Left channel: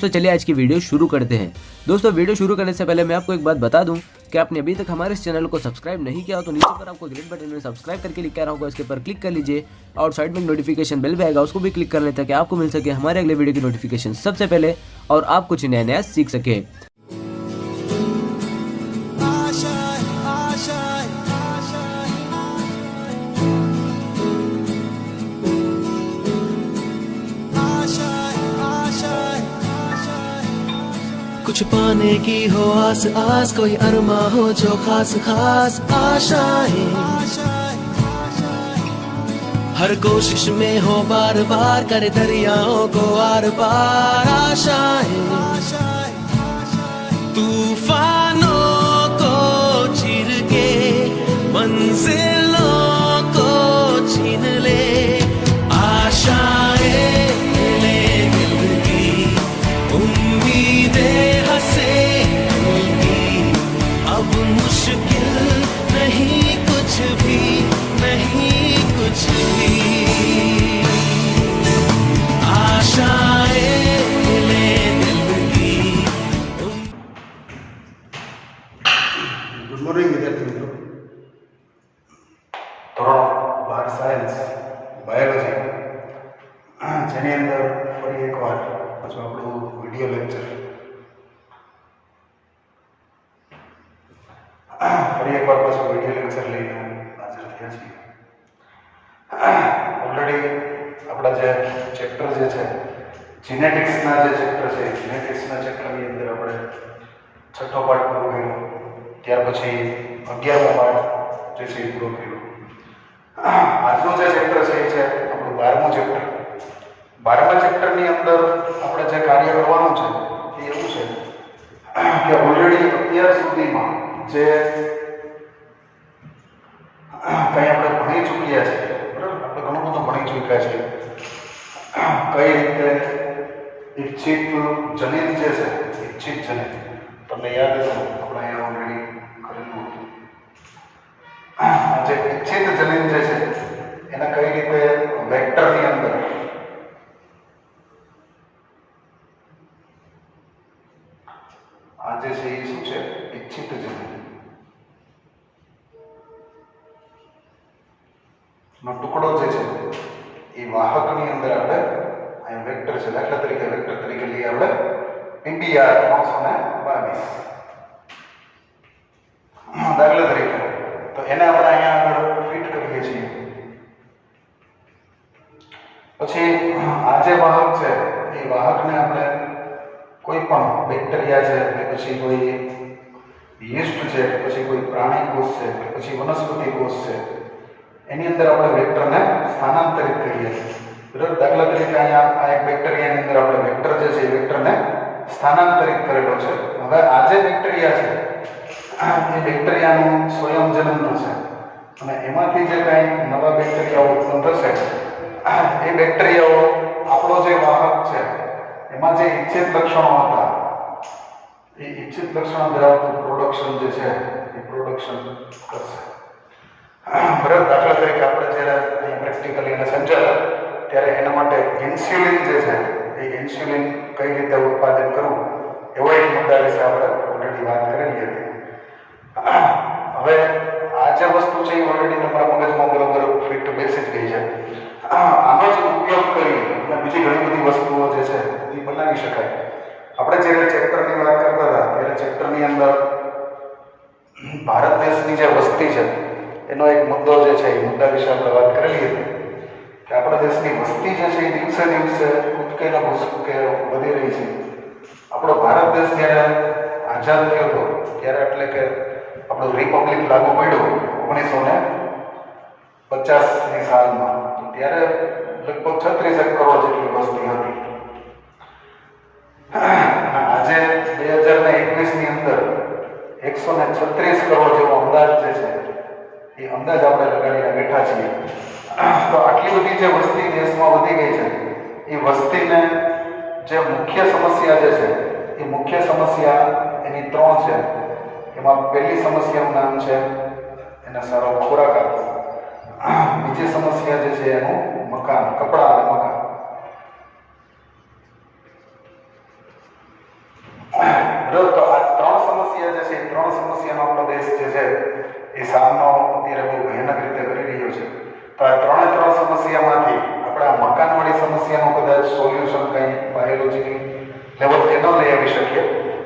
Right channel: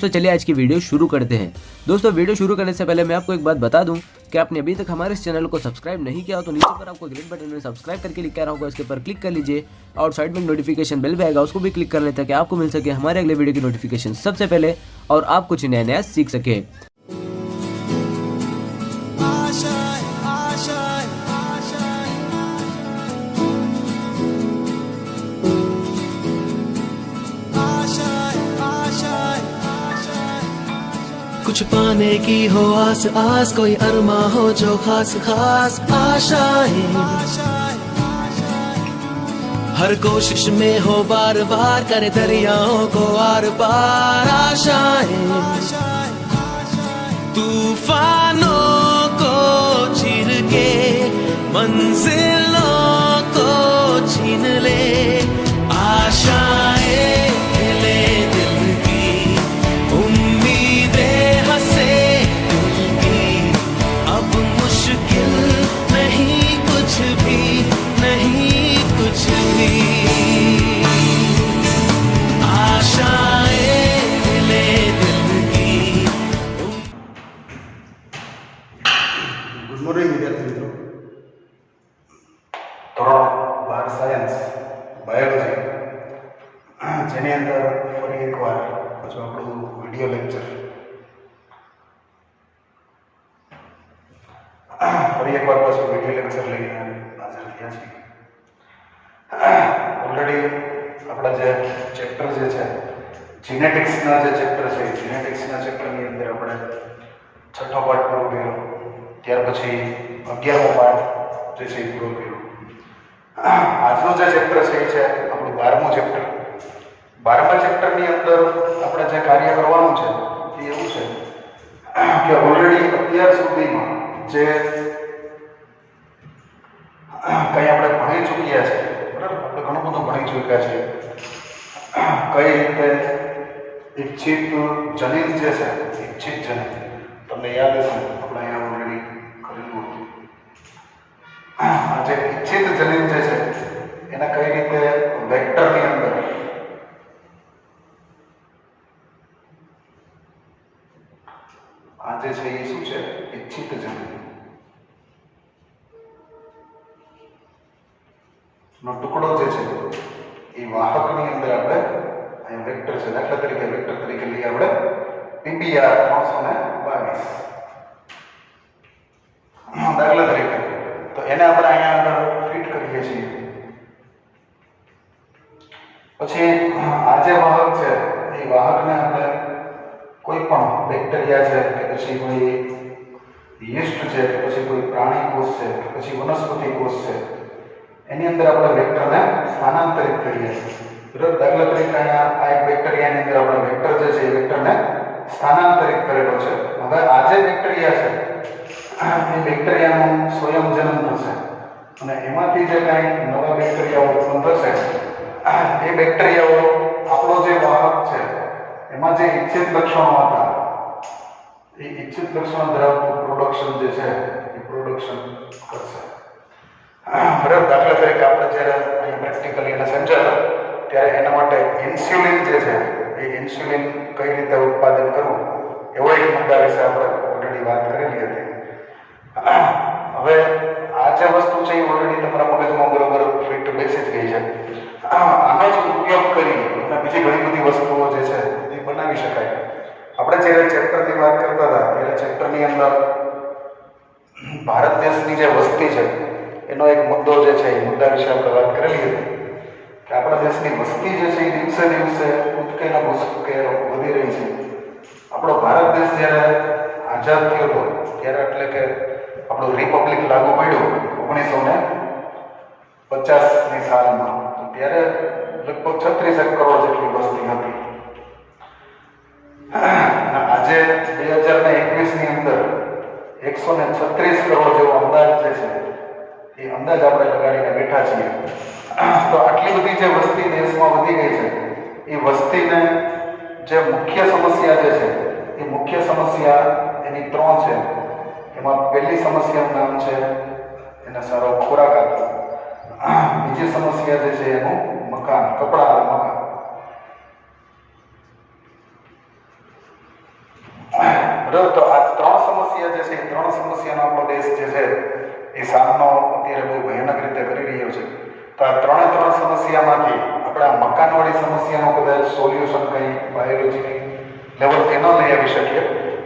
दोस्तों चलिए आज की वीडियो शुरू करते हैं। दोस्तों वीडियो शुरू करने से पहले मैं आपको एक बात बता दूं कि आपने अभी तक हमारे इस चैनल को सब्सक्राइब नहीं किया हो तो नीचे पर आपको ग्रेट बटन में सब्सक्राइब करके लिखा रहा होगा, इसके पर क्लिक कर लीजिए और साइड में नोटिफिकेशन बेल भी आएगा, उसको भी क्लिक कर लेते हैं कि आपको मिल सके हमारे अगले वीडियो की नोटिफिकेशन सबसे पहले और आप कुछ नया नया सीख सके। कुछ पाने की हो आस आस, कोई अरमा हो जो खास खास आशाएं, हर कोशिश में हो बार बार करे दरियाओं को आर पार आशाएं, तूफानों को चीर के मंजिलों को छीन ले आशाएं, ले दिल की उम्मीदें हंसे दिल की, अब मुश्किल नहीं कुछ भी, नहीं कुछ भी, आशाएं ले दिल की। गुड मॉर्निंग विद्यार्थी मित्रों। ધોરણ 12 સાયન્સ બાયોલોજી જેની અંદર ફરી એકવાર પાછું આપણું વિડીયો લેક્ચર લઈને હાજર થયા છીએ। ઓલરેડી આપણા જે ચેપ્ટર જે છે જીનેટિક્સના જે ચેપ્ટર છે જીનેટિક્સના ચેપ્ટરની અંદર આપણે છઠ્ઠો પાઠ પૂરો કર્યો, ત્યાર પછી 11મો પાઠ જે છે એ પૂરો કર્યો। આજનું જે ચેપ્ટર છે એ છે આપણું 12મું ચેપ્ટર। 12મા ચેપ્ટરની અંદર આપણે જે કાર્ય કરવાનું છે એ એવું છે કે ઓલરેડી અત્યાર સુધીમાં જે કંઈ આપણે ભણી ચૂક્યા છે, બરાબર, આપણે ઘણું બધું ભણી ચૂક્યા છીએ। કઈ રીતે ઈચ્છિત જનીન જે છે, ઈચ્છિત જનીન તમને યાદ હશે, આપણે અહીંયા ઓલરેડી કરેલું હતું। આ જે ઈચ્છિત જનીન જે છે એને કઈ રીતે વેક્ટરની અંદર આ જે છે એ શું છે ઈચ્છિત જનીન નો ટુકડો જે છે એ વાહકની અંદર આપણે અહીંયા વેક્ટર છે, દાખલા તરીકે વેક્ટર તરીકે લઈએ આપણે PBR 322, દાખલા તરીકે, તો એને આપણે અહીંયા આગળ ફિટ કરીએ છીએ। પછી આ જે વાહક છે એ વાહકને આપણે કોઈ પણ બેક્ટેરિયા છે કે પછી કોઈ યીસ્ટ છે કે પછી કોઈ પ્રાણી કોષ છે કે પછી વનસ્પતિ કોષ છે એની અંદર આપણે વેક્ટરને સ્થાનાંતરિત કરીએ છીએ, બરાબર। દાખલા તરીકે અહીંયા આ એક બેક્ટેરિયાની અંદર આપણે વેક્ટર જે છે એ વેક્ટરને સ્થાનાંતરિત કરેલો છે। હવે આ જે બેક્ટેરિયા છે એ બેક્ટેરિયાનું સ્વયંજનન થશે અને એમાંથી જે કાંઈ નવા બેક્ટેરિયાઓ ઉત્પન્ન થશે એ બેક્ટેરિયાઓ આપણો જે વાહક છે એમાં જે ઈચ્છિત લક્ષણો હતા એ ઈચ્છિત લક્ષણો ધરાવતું પ્રોડક્શન જે છે એ પ્રોડક્શન કરશે, બરાબર। દાખલા તરીકે આપણે જ્યારે અહીંયા પ્રેક્ટિકલી એને સમજાતા ત્યારે એના માટે ઇન્સ્યુલિન જે છે એ ઇન્સ્યુલિન કઈ રીતે ઉત્પાદન કરવું એવો એક મુદ્દા વિશે આપણે ઓલરેડી વાત કરેલી હતી। હવે આ જે વસ્તુ છે એ ઓલરેડી તમારા મગજમાં બરોબર ફિટ બેસી જ ગઈ છે। આનો જ ઉપયોગ કરી અને બીજી ઘણી બધી વસ્તુઓ જે છે એ બનાવી શકાય। આપણે જ્યારે ચેપ્ટરની વાત કરતા હતા ત્યારે ચેપ્ટરની અંદર ભારત દેશની જે વસ્તી છે એનો એક મુદ્દો જે છે એ મુદ્દા વિશે આપણે વાત કરેલી હતી કે આપણા દેશની વસ્તી જે છે એ દિવસે દિવસે કૂદકેના ભૂસકે વધી રહી છે। આપણો ભારત દેશ જ્યારે આઝાદ થયો હતો ત્યારે એટલે કે આપણું રિપબ્લિક લાગુ પડ્યું 1950ની સાલમાં, ત્યારે લગભગ 36 કરોડ જેટલી વસ્તી હતી। આજે 2021ની અંદર 136 કરોડ જેવો અંદાજ જે છે એ અંદાજ આપણે લગાડીને બેઠા છીએ। તો આટલી બધી જે વસ્તી દેશમાં વધી ગઈ છે એ વસ્તીને જે મુખ્ય સમસ્યા જે છે એ મુખ્ય સમસ્યા એની 3 છે। એમાં પહેલી સમસ્યાનું નામ છે એના સારો ખોરાક આપવો, બીજી સમસ્યા જે છે એનું મકાન, કપડાં અને મકાન, એ સામનો અત્યારે બહુ ભયાનક રીતે કરી રહ્યો છે. તો આ ત્રણ સમસ્યામાંથી આપણે આ મકાનવાળી સમસ્યાનું કદાચ સોલ્યુશન કંઈ બાયોલોજીની લેવલથી ન લઈ આવી શકીએ,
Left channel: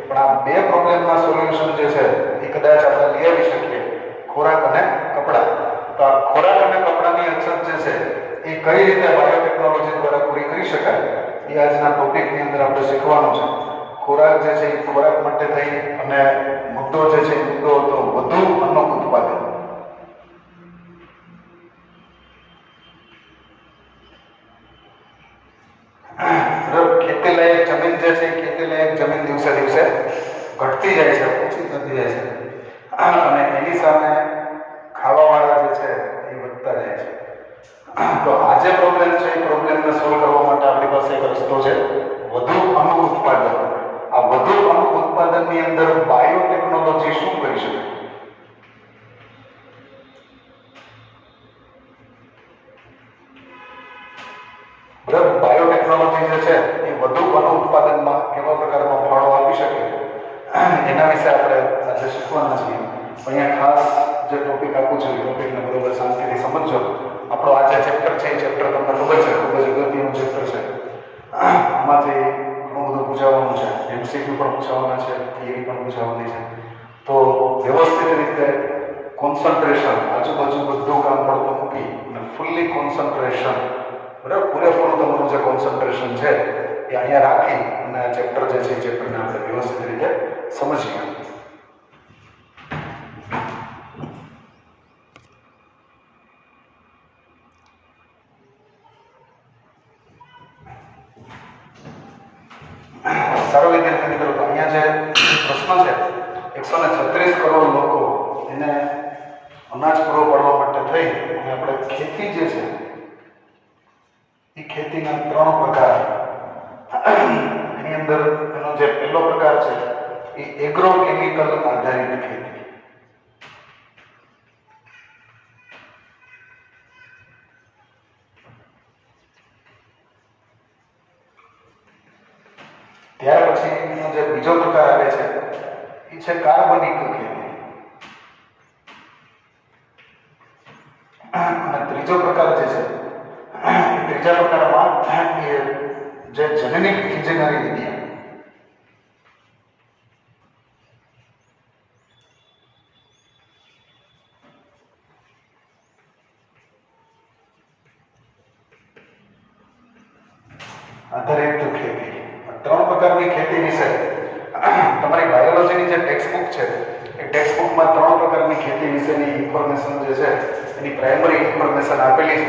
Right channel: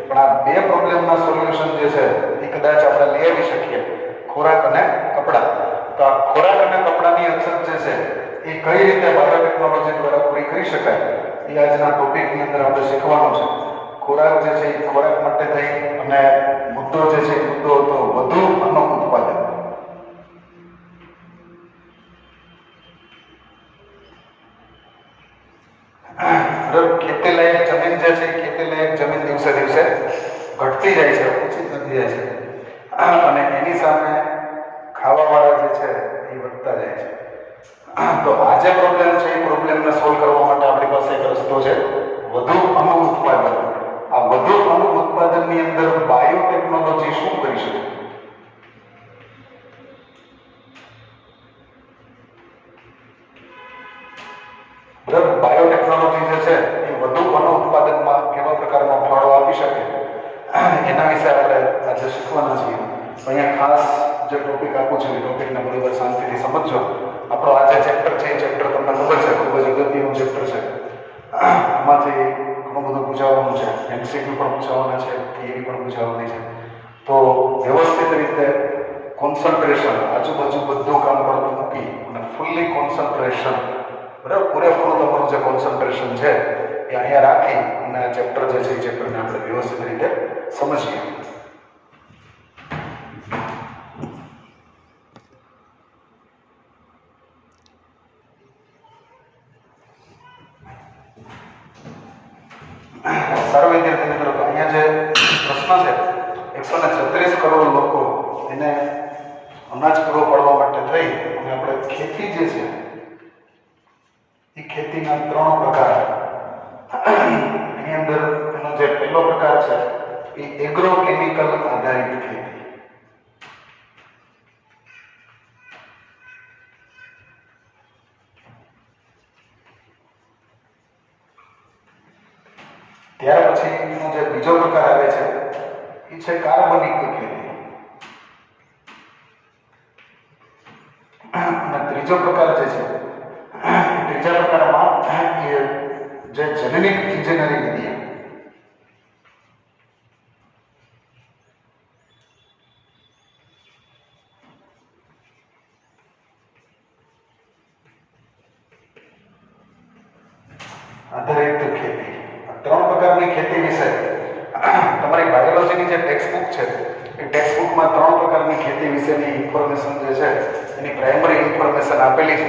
પણ આ બે પ્રોબ્લેમના સોલ્યુશન જે છે એ કદાચ આપણે લઈ આવી શકીએ, ખોરાક અને કપડાં. તો આ ખોરાક અને કપડાની અછત જે છે એ કઈ રીતે બાયોટેકનોલોજી દ્વારા પૂરી કરી શકાય એ આજના ટોપિકની અંદર આપણે શીખવાનું છે. ખોરાક જે છે એ ખોરાક માટે થઈ અને મુદ્દો જે છે એ મુદ્દો હતો વધુ અન્ન ઉત્પાદન. ખેતીલાયક જમીન જે છે ખેતીલાયક જમીન દિવસે દિવસે ઘટતી જાય છે, ઓછી થતી જાય છે, અને એની સામે ખાવાવાળા જે છે એ વધતા જાય છે. તો આ જે પ્રોબ્લેમ છે એ પ્રોબ્લેમને સોલ્વ કરવા માટે આપણી પાસે એક રસ્તો છે, વધુ અન્ન ઉત્પાદન. આ વધુ અન્ન ઉત્પાદનની અંદર બાયોટેકનોલોજી શું કરી શકે? બરાબર, બાયોટેકનોલોજી જે છે એ વધુ અન્ન ઉત્પાદનમાં કેવા પ્રકારના ફાળો આપી શકે એના વિશે આપણે આજે શીખવાના છીએ. અહીંયા ખાસ જે ટોપિક આપું છું એ ટોપિકને બરોબર શાંતિથી સમજજો. આપણો આ જે ચેપ્ટર છે એ ચેપ્ટર તમને ખબર છે ખૂબ જ અગત્યનું ચેપ્ટર છે. આમાંથી ઘણું બધું પૂછાવાનું છે, એમસીક્યુ પણ પૂછાવાના છે, થિયરી પણ પૂછાવાની છે. તો વ્યવસ્થિત રીતે કોન્સન્ટ્રેશન, આજુબાજુ બધું કામ કરતું મૂકી અને ફૂલ્લી કોન્સન્ટ્રેશન, બરાબર, પૂરેપૂરું તમારું જે કોન્સન્ટ્રેશન છે એ અહીંયા રાખી અને આ ચેપ્ટર જે છે એ ચેપ્ટરને આપણે વ્યવસ્થિત રીતે સમજીએ. સારો વિદ્યાર્થી મિત્રો, તો અહીંયા જે પ્રશ્ન છે 136 કરોડ લોકો એને અનાજ પૂરો પાડવા માટે થઈ અને આપણે ખેતી જે છે એ ખેતીના 3 પ્રકાર. એની અંદર એનો જે પહેલો પ્રકાર છે એ એગ્રોકેમિકલ આધારિત ખેતી. ત્યાર પછીનો જે બીજો પ્રકાર આવે છે એ છે કાર્બનિક ખેતી. અને ત્રીજો પ્રકાર જે છે, ત્રીજા પ્રકારમાં એ જે જેનેટિક ઇન્જિનિયરિંગ વિદ્યા. આધારિત ખેતી. 3 પ્રકારની ખેતી વિશે તમારી બાયોલોજીની જે ટેક્સ્ટ બુક છે એ ટેક્સ્ટ બુકમાં 3 પ્રકારની ખેતી વિશેની ઇન્ફોર્મેશન જે છે એની પ્રાઇમરી ઇન્ફોર્મેશન આપેલી છે.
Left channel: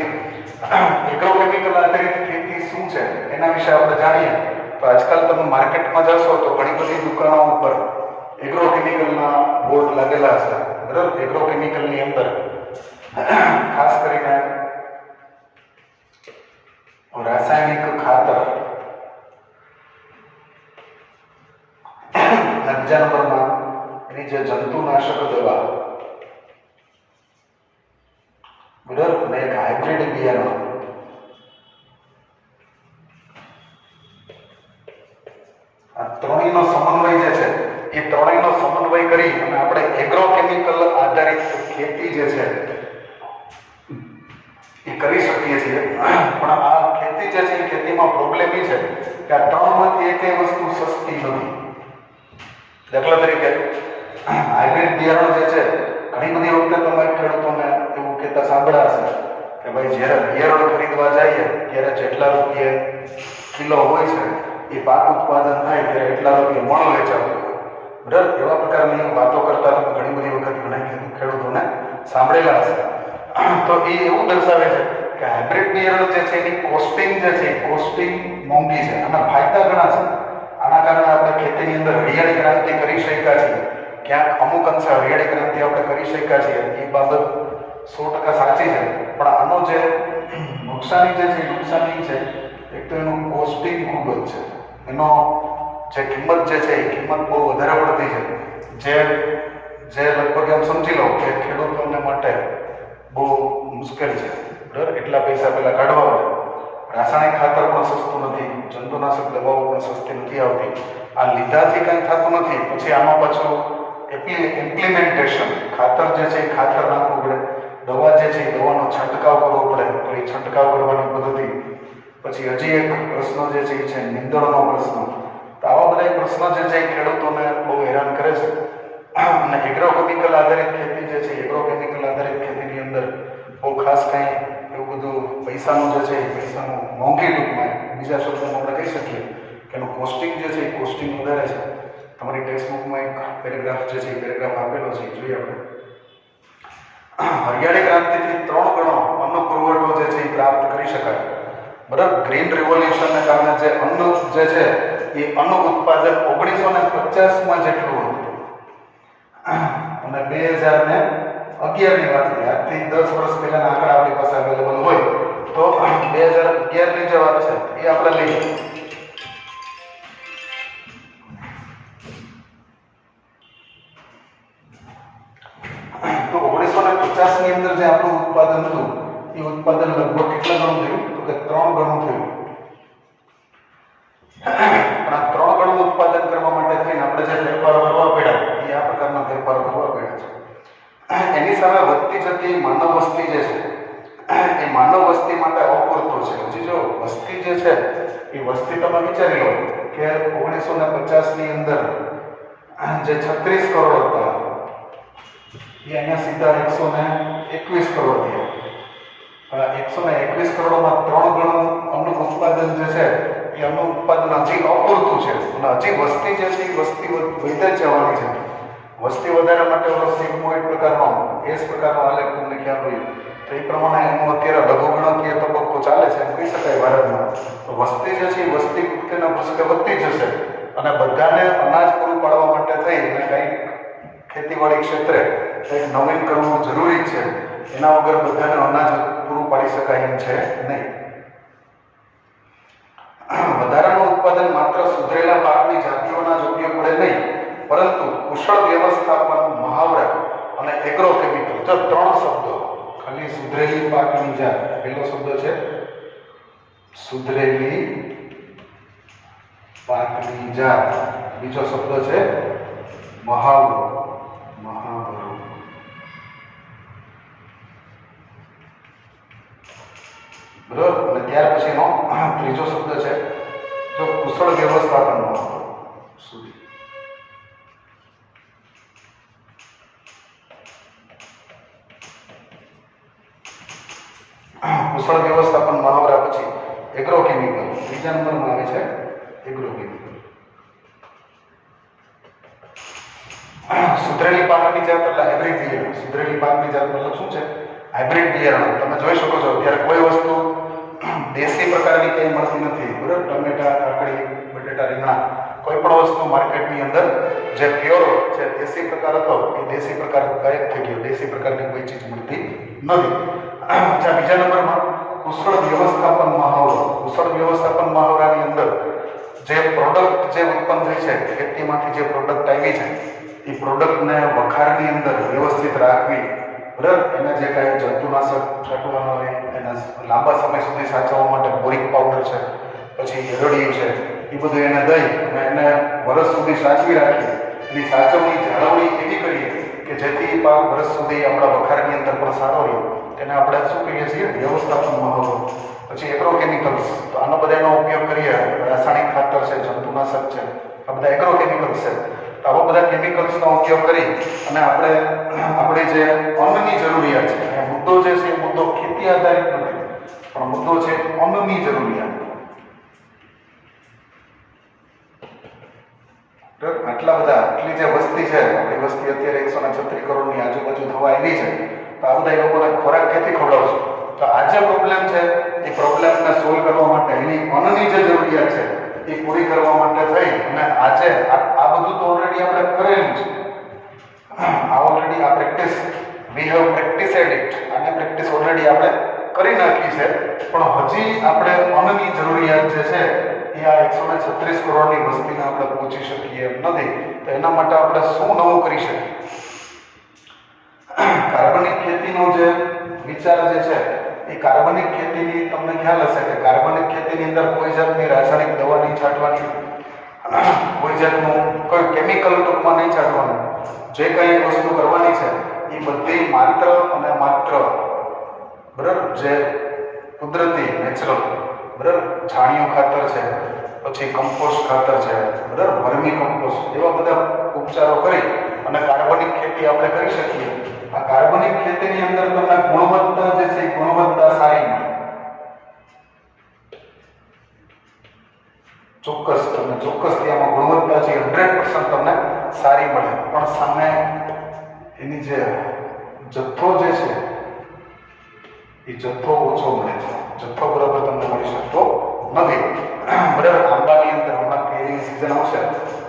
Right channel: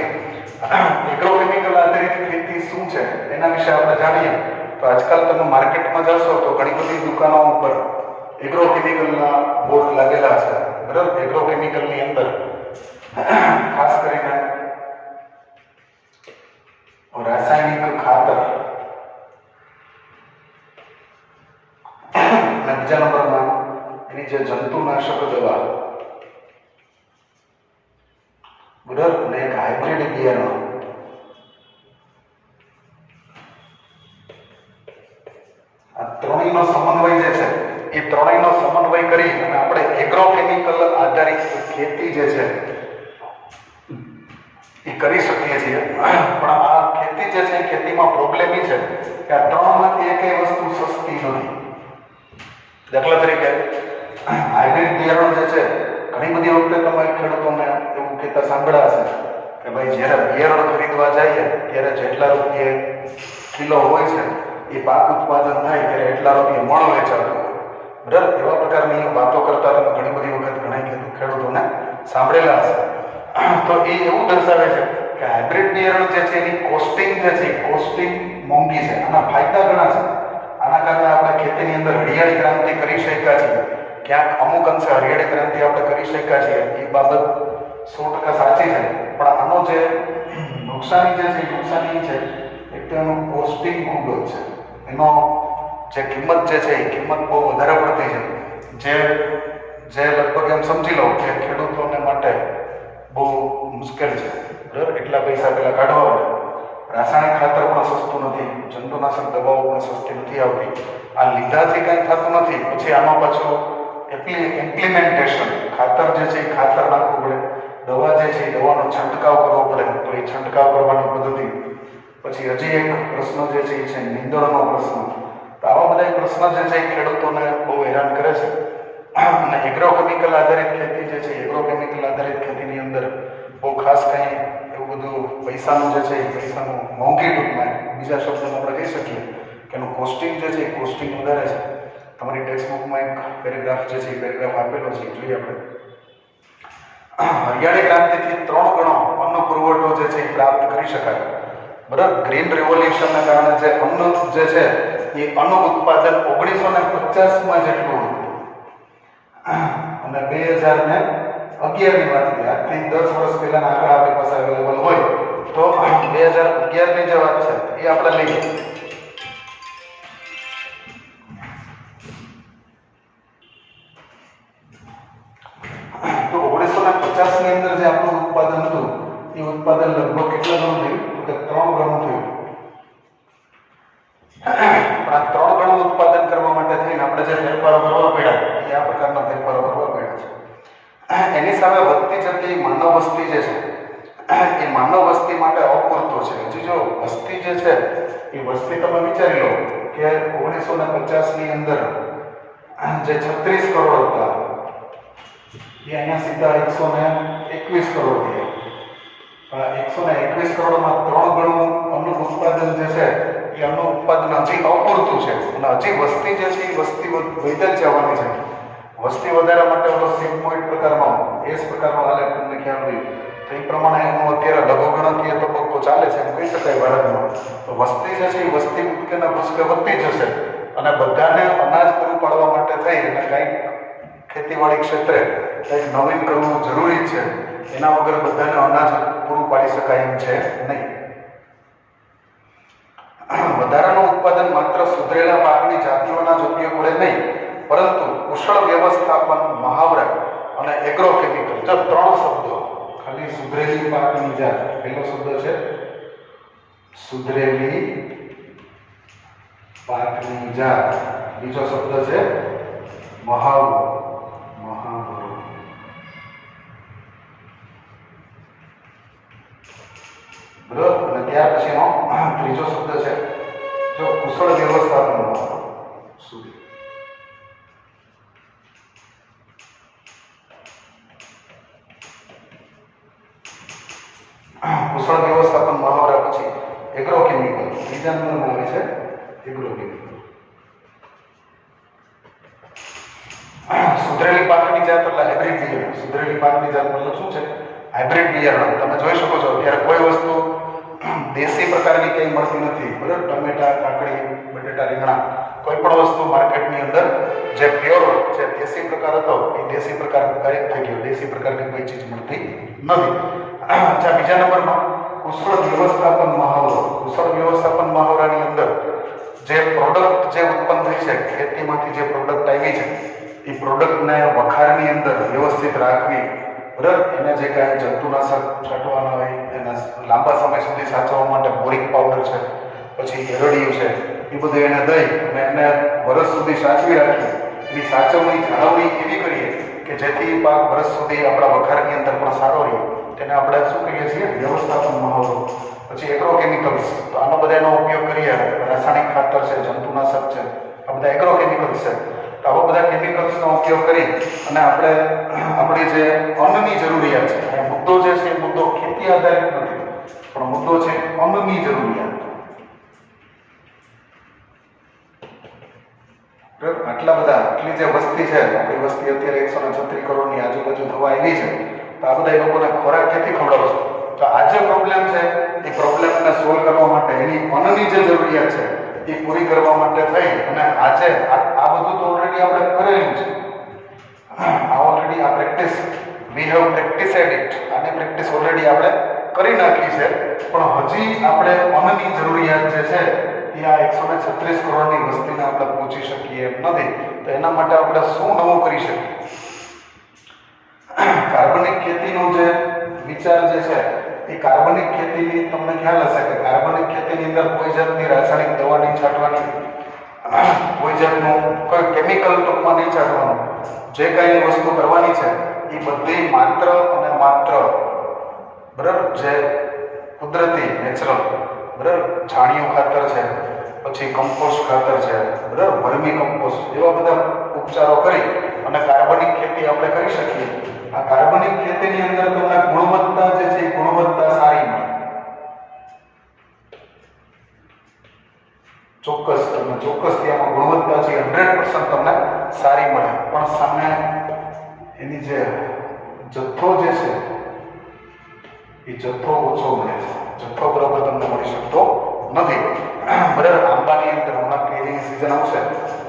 એગ્રોકેમિકલ આધારિત ખેતી શું છે એના વિશે આપણે જાણીએ તો આજકાલ તમે માર્કેટમાં જશો તો ઘણી બધી દુકાનો ઉપર એગ્રોકેમિકલના બોર્ડ લાગેલા હશે, બરાબર. એગ્રોકેમિકલની અંદર ખાસ કરીને રાસાયણિક ખાતર અને બીજા નંબરમાં એની જે જંતુનાશક દવા, બરાબર, અને એક હાઇબ્રિડ બિયારણ. આ ત્રણેયનો સમન્વય જે છે એ ત્રણેયનો સમન્વય કરી અને આપણે એગ્રોકેમિકલ આધારિત ખેતી જે છે એ કરી શકીએ છીએ. પણ આ ખેતી જે છે એ ખેતીમાં પ્રોબ્લેમ એ છે કે આ 3માંથી એકેય વસ્તુ સસ્તી નથી. દાખલા તરીકે હાઇબ્રિડ બિયારણ જે છે ઘણી બધી વખતે તમે ખેડૂતોને એવું કહેતા સાંભળ્યા હશે કે ભાઈ જ્યારે બિયારણ ખરીદવા જઈએ ત્યારે જેટલા રૂપિયે કિલો હોય છે એ પાક ઉત્પાદન થાય ત્યારે એટલા રૂપિયા મણ વેચાતું, બરાબર. એવા પ્રકારની વાતો કરતા તમે ઘણી બધી વખત ઘણા ખેડૂતોને સાંભળેલા હશે. તો એ એવું દર્શાવે છે કે હાઇબ્રિડ બિયારણ જે છે એની કોસ્ટિંગ જે છે કોસ્ટિંગ મોંઘી છે. આના ફાયદા ઘણા છે. આના કારણે આપણે ખેતીની અંદર હરિયાળી ક્રાંતિ કરી શક્યા છીએ. ક્યાંક અમુક અંશે હરિયાળી ક્રાંતિ આપણે કરી શક્યા છીએ, એ બાબત 100% સાચી છે. પણ આનો જે નુકસાની જે છે નુકસાની છે એક તો એનું કોસ્ટિંગ ખૂબ જ છે. એનો જે કિંમત જે છે એ કિંમત બહુ વધારે પડતી છે, જે લગભગ એમ સમજી લો કે ખેડૂતોને માટે બહુ મુશ્કેલ છે, બરાબર. એટલા પૈસા પહેલાં કાઢવા પડે. રાસાયણિક ખાતર પણ સસ્તું નથી, જંતુનાશક દવાઓ પણ સસ્તી નથી આવતી. આ લીધાથી કંઈ થતું નથી. પછી આમાં પાછું ઇમ્પ્લિમેન્ટેશન, ખાતર જે છે એ ખાતર જે છે દવાનો છંટકાવ કરવો પડે તો એ છંટકાવ કરવાની પદ્ધતિ. પછી હજી એક પ્રશ્ન જે છે એ છે નીંદણનો પ્રશ્ન. તો આવા બધા પ્રશ્ન જે છે એ ખેડૂતોને બહુ હેરાન કરે છે. અને એગ્રોકેમિકલ આધારિત ખેતી જે છે એગ્રોકેમિકલ આધારિત ખેતીની અંદર બહુ ખાસ કંઈ એવું બધું પૈસાનું જે છે એ પૈસાનું મોંઘી ટૂંકમાં બીજા શબ્દોમાં આપણે કહી શકીએ કે એનું કોસ્ટિંગ જે છે એ કોસ્ટિંગ વધારે છે. તમારી ટેક્સ્ટ બુકમાં એક પેરેગ્રાફ જે છે એ પેરેગ્રાફ આપેલો છે, જોઈએ આપણે. હરિયાળી ક્રાંતિથી 3 ગણો અન્ન પુરવઠો જે છે એ પ્રાપ્ત કરી શકાય. બરાબર. ગ્રીન રિવોલ્યુશનને કારણે જે અન્ન જે છે એ અન્ન ઉત્પાદન 1950માં જેટલું હતું અને 2011ની વાત છે. આજથી 10 વર્ષ પહેલાના આંકડા આપણી પાસે અવેલેબલ હોય તો 2011ની જે વાત છે એ આપણે લઈએ તો 1950ની અંદર જે આપણું ઉત્પાદન હતું એ ઉત્પાદન લગભગ કેટલા ગણું થયું તો કે 3 ગણું થયું. પણ આ 3 ગણું ઉત્પાદન કરવા માટે થઈને આપણે જે ફેરફારો કરવા પડ્યા એ આ પ્રકારના ફેરફારો કરવા પડ્યા છે. એની સામે વધતી જતી માનવ વસ્તી જે છે એ માનવ વસ્તી માટે અપૂરતો છે. હજી જો વસ્તી જે છે એ વસ્તી તમે વિચારી લો કે 1950ની અંદર જે 36 કરોડ હતા એ અહીંયા સીધા 121 કરોડ થયા. 121 કરોડમાં 3 ગણું અન્ન ઉત્પાદન જે છે એ અન્ન ઉત્પાદન હજી અપૂરતું છે અને હજી વસ્તી જે છે એ વસ્તી વધે જ જવાની છે. વસ્તી વધારા માટે ઓલો સિંગ પોઈન્ટ પ્રકારનો એસ પ્રકારનો આલેખ તમને ખ્યાલ હોય તો એ પ્રમાણે એનું અત્યારે લઘુગણકીય તબક્કો ચાલે છે એમ કહી શકાય ભારતમાં. તો વસ્તી જે છે એ વસ્તી કૂદકેના ભૂસકે વધતી જશે અને બધાને અનાજ પૂરું પાડવા માટે થઈ અને કંઈક ખેતીવાડી ક્ષેત્રે કંઈક નવીન કરવું જરૂરી છે. એના વગર બધાને અનાજ પૂરું પાડી શકાય એમ છે નહીં. વધારાનું ઉત્પાદન માત્ર સુધરેલા પાકની જાતિઓના જ ઉપયોગ વડે નહીં પરંતુ કુશળ વ્યવસ્થાપન, મહાવરા અને એગ્રોકેમિકલ, જો 3 શબ્દો ખાલી સુધરેલી પાકની જાત. પહેલો શબ્દ છે સુધરેલી પાકની જાત, બીજો શબ્દ છે મહાવરો. બરોબર. અને ત્યાર પછીનો ત્રીજો શબ્દ છે જો કુશળ વ્યવસ્થાપન સુધી. કુશળ વ્યવસ્થાપન મહાવરા પછી એગ્રોકેમિકલ ત્રીજા નંબરમાં આવે છે એગ્રોકેમિકલ. સુધરેલી પાકની જાત એટલે હાઇબ્રિડ બિયારણ. સુધરેલી પાકની જાત મતલબ શું છે? હાઇબ્રિડ બિયારણ. તમે જોઈ શકો છો અત્યારે કોઈ વસ્તુ દેશી પ્રકારની કંઈ મળતી નથી. બરાબર. ટમેટા, કાકડી, બટેટા, રીંગણા કોઈ પણ વસ્તુ માર્કેટની અંદર જે પ્યોર જે દેશી પ્રકાર હતો એ દેશી પ્રકાર ગાયબ થઈ ગયો. દેશી પ્રકારની કોઈ ચીજ મળતી નથી. બીજા નંબરમાં કુશળ વ્યવસ્થાપન મહાવરો. કુશળ વ્યવસ્થાપન મહાવરાની અંદર જે પ્રોડક્ટ જે ઉત્પન્ન થઈ છે, ખેતીમાંથી જે પ્રોડક્ટ આવી છે એ પ્રોડક્ટને વખારની અંદર વ્યવસ્થિત રાખવી. બરાબર. એને જે કાંઈ જંતુનાશક છાંટવાના હોય એના લાંબા સમય સુધી સાચવવા માટે બોરિક પાવડર છે, પછી એરડિયું છે, એ બધું એને દઈ અને એને વર્ષ સુધી સાચવી રાખી. એની સાચવણી જાળવણી એવી કરીએ કે જેથી પાક વર્ષ સુધી આપણા વખારની અંદર પણ સારો રહે. તેને આપણે શું કહીએ છીએ? વ્યવસ્થાપન મહાવરો. પછી એગ્રોકેમિકલ્સ. તો આનો બધાનો ઉપયોગ કરીએ. રાસાયણિક ખાતર છે, જંતુનાશક છે, આ બધા એગ્રોકેમિકલ્સ છે. તો આવા બધા કેમિકલ્સનો ઉપયોગ કરી અને આપણે આપણી જે અન્નની જરૂરિયાત છે, એ મુદ્દો જે છે એ મુદ્દો ખેતી આધારિત નથી પણ મુદ્દો છે અન્નની જરૂરિયાત. આટલા બધા આટલી જે વસ્તી છે, આપણી વસ્તી અત્યારે 136 કરોડની આજુબાજુ થવા આવી છે. તો આ બધા લોકોને ખોરાક ક્યાંથી ખવડાવશે? તો આ જે પ્રોબ્લેમ છે એ પ્રોબ્લેમને સોલ્વ કરવા માટે એની અન્નની જે જરૂરિયાત છે એ પૂરી કરવા માટે થઈ અને આજે આ બધું તો ઓલરેડી આપણે કરેલું છે. આ ઓલરેડી આ પ્રેક્ટિસ વી હેવ પ્રેક્ટિસેડ ઇટ. આને પ્રેક્ટિસ ઓલરેડી આપણે કરી નાખી છે. પણ હજી આપણે અન્નની જરૂરિયાત જે છે એ આ 136 કરોડની વસ્તીને આપણે પહોંચી શકીએ એમ નથી. તો એના માટે આપણે શું નવું કરી શકીએ? કાર્બનિક ખેતીનો જે વિચાર જે છે એ કાર્બનિક ખેતીની તમને ખ્યાલ હશે કે કાર્બનિક ખેતીની અંદર કોઈ જાતની રાસાયણિક દવાની છાંટવાની, કોઈ જાતનું કોઈ કેમિકલ ટૂંકમાં નહીં છાંટવાનું. જે કંઈ વસ્તુ કરવાની છે એ બધી માત્ર અને માત્ર બરાબર, જે કુદરતી નેચરલ બરાબર છાણિયું ખાતર છે, પછી કમ્પોસ્ટ ખાતર છે બરાબર, વર્મી કમ્પોસ્ટ, એવા બધા ઉપચારો કરી અને કાર્બનિક ખેતી આપણે કરી શકીએ. આ કાર્બનિક ખેતીની અંદર તમને ગુણવત્તા જે છે એ ગુણવત્તા સારી મળે. ચોક્કસથી આમાં ગુણવત્તા છે 100% તમને સારી મળે, પણ સામે એની જે જથ્થો જે છે એ જથ્થો ઓછો મળે છે. જથ્થો બરાબર તમને મળી શકતો નથી. બરાબર, આંબાની અંદર હમણાં કેરીની સિઝન આવશે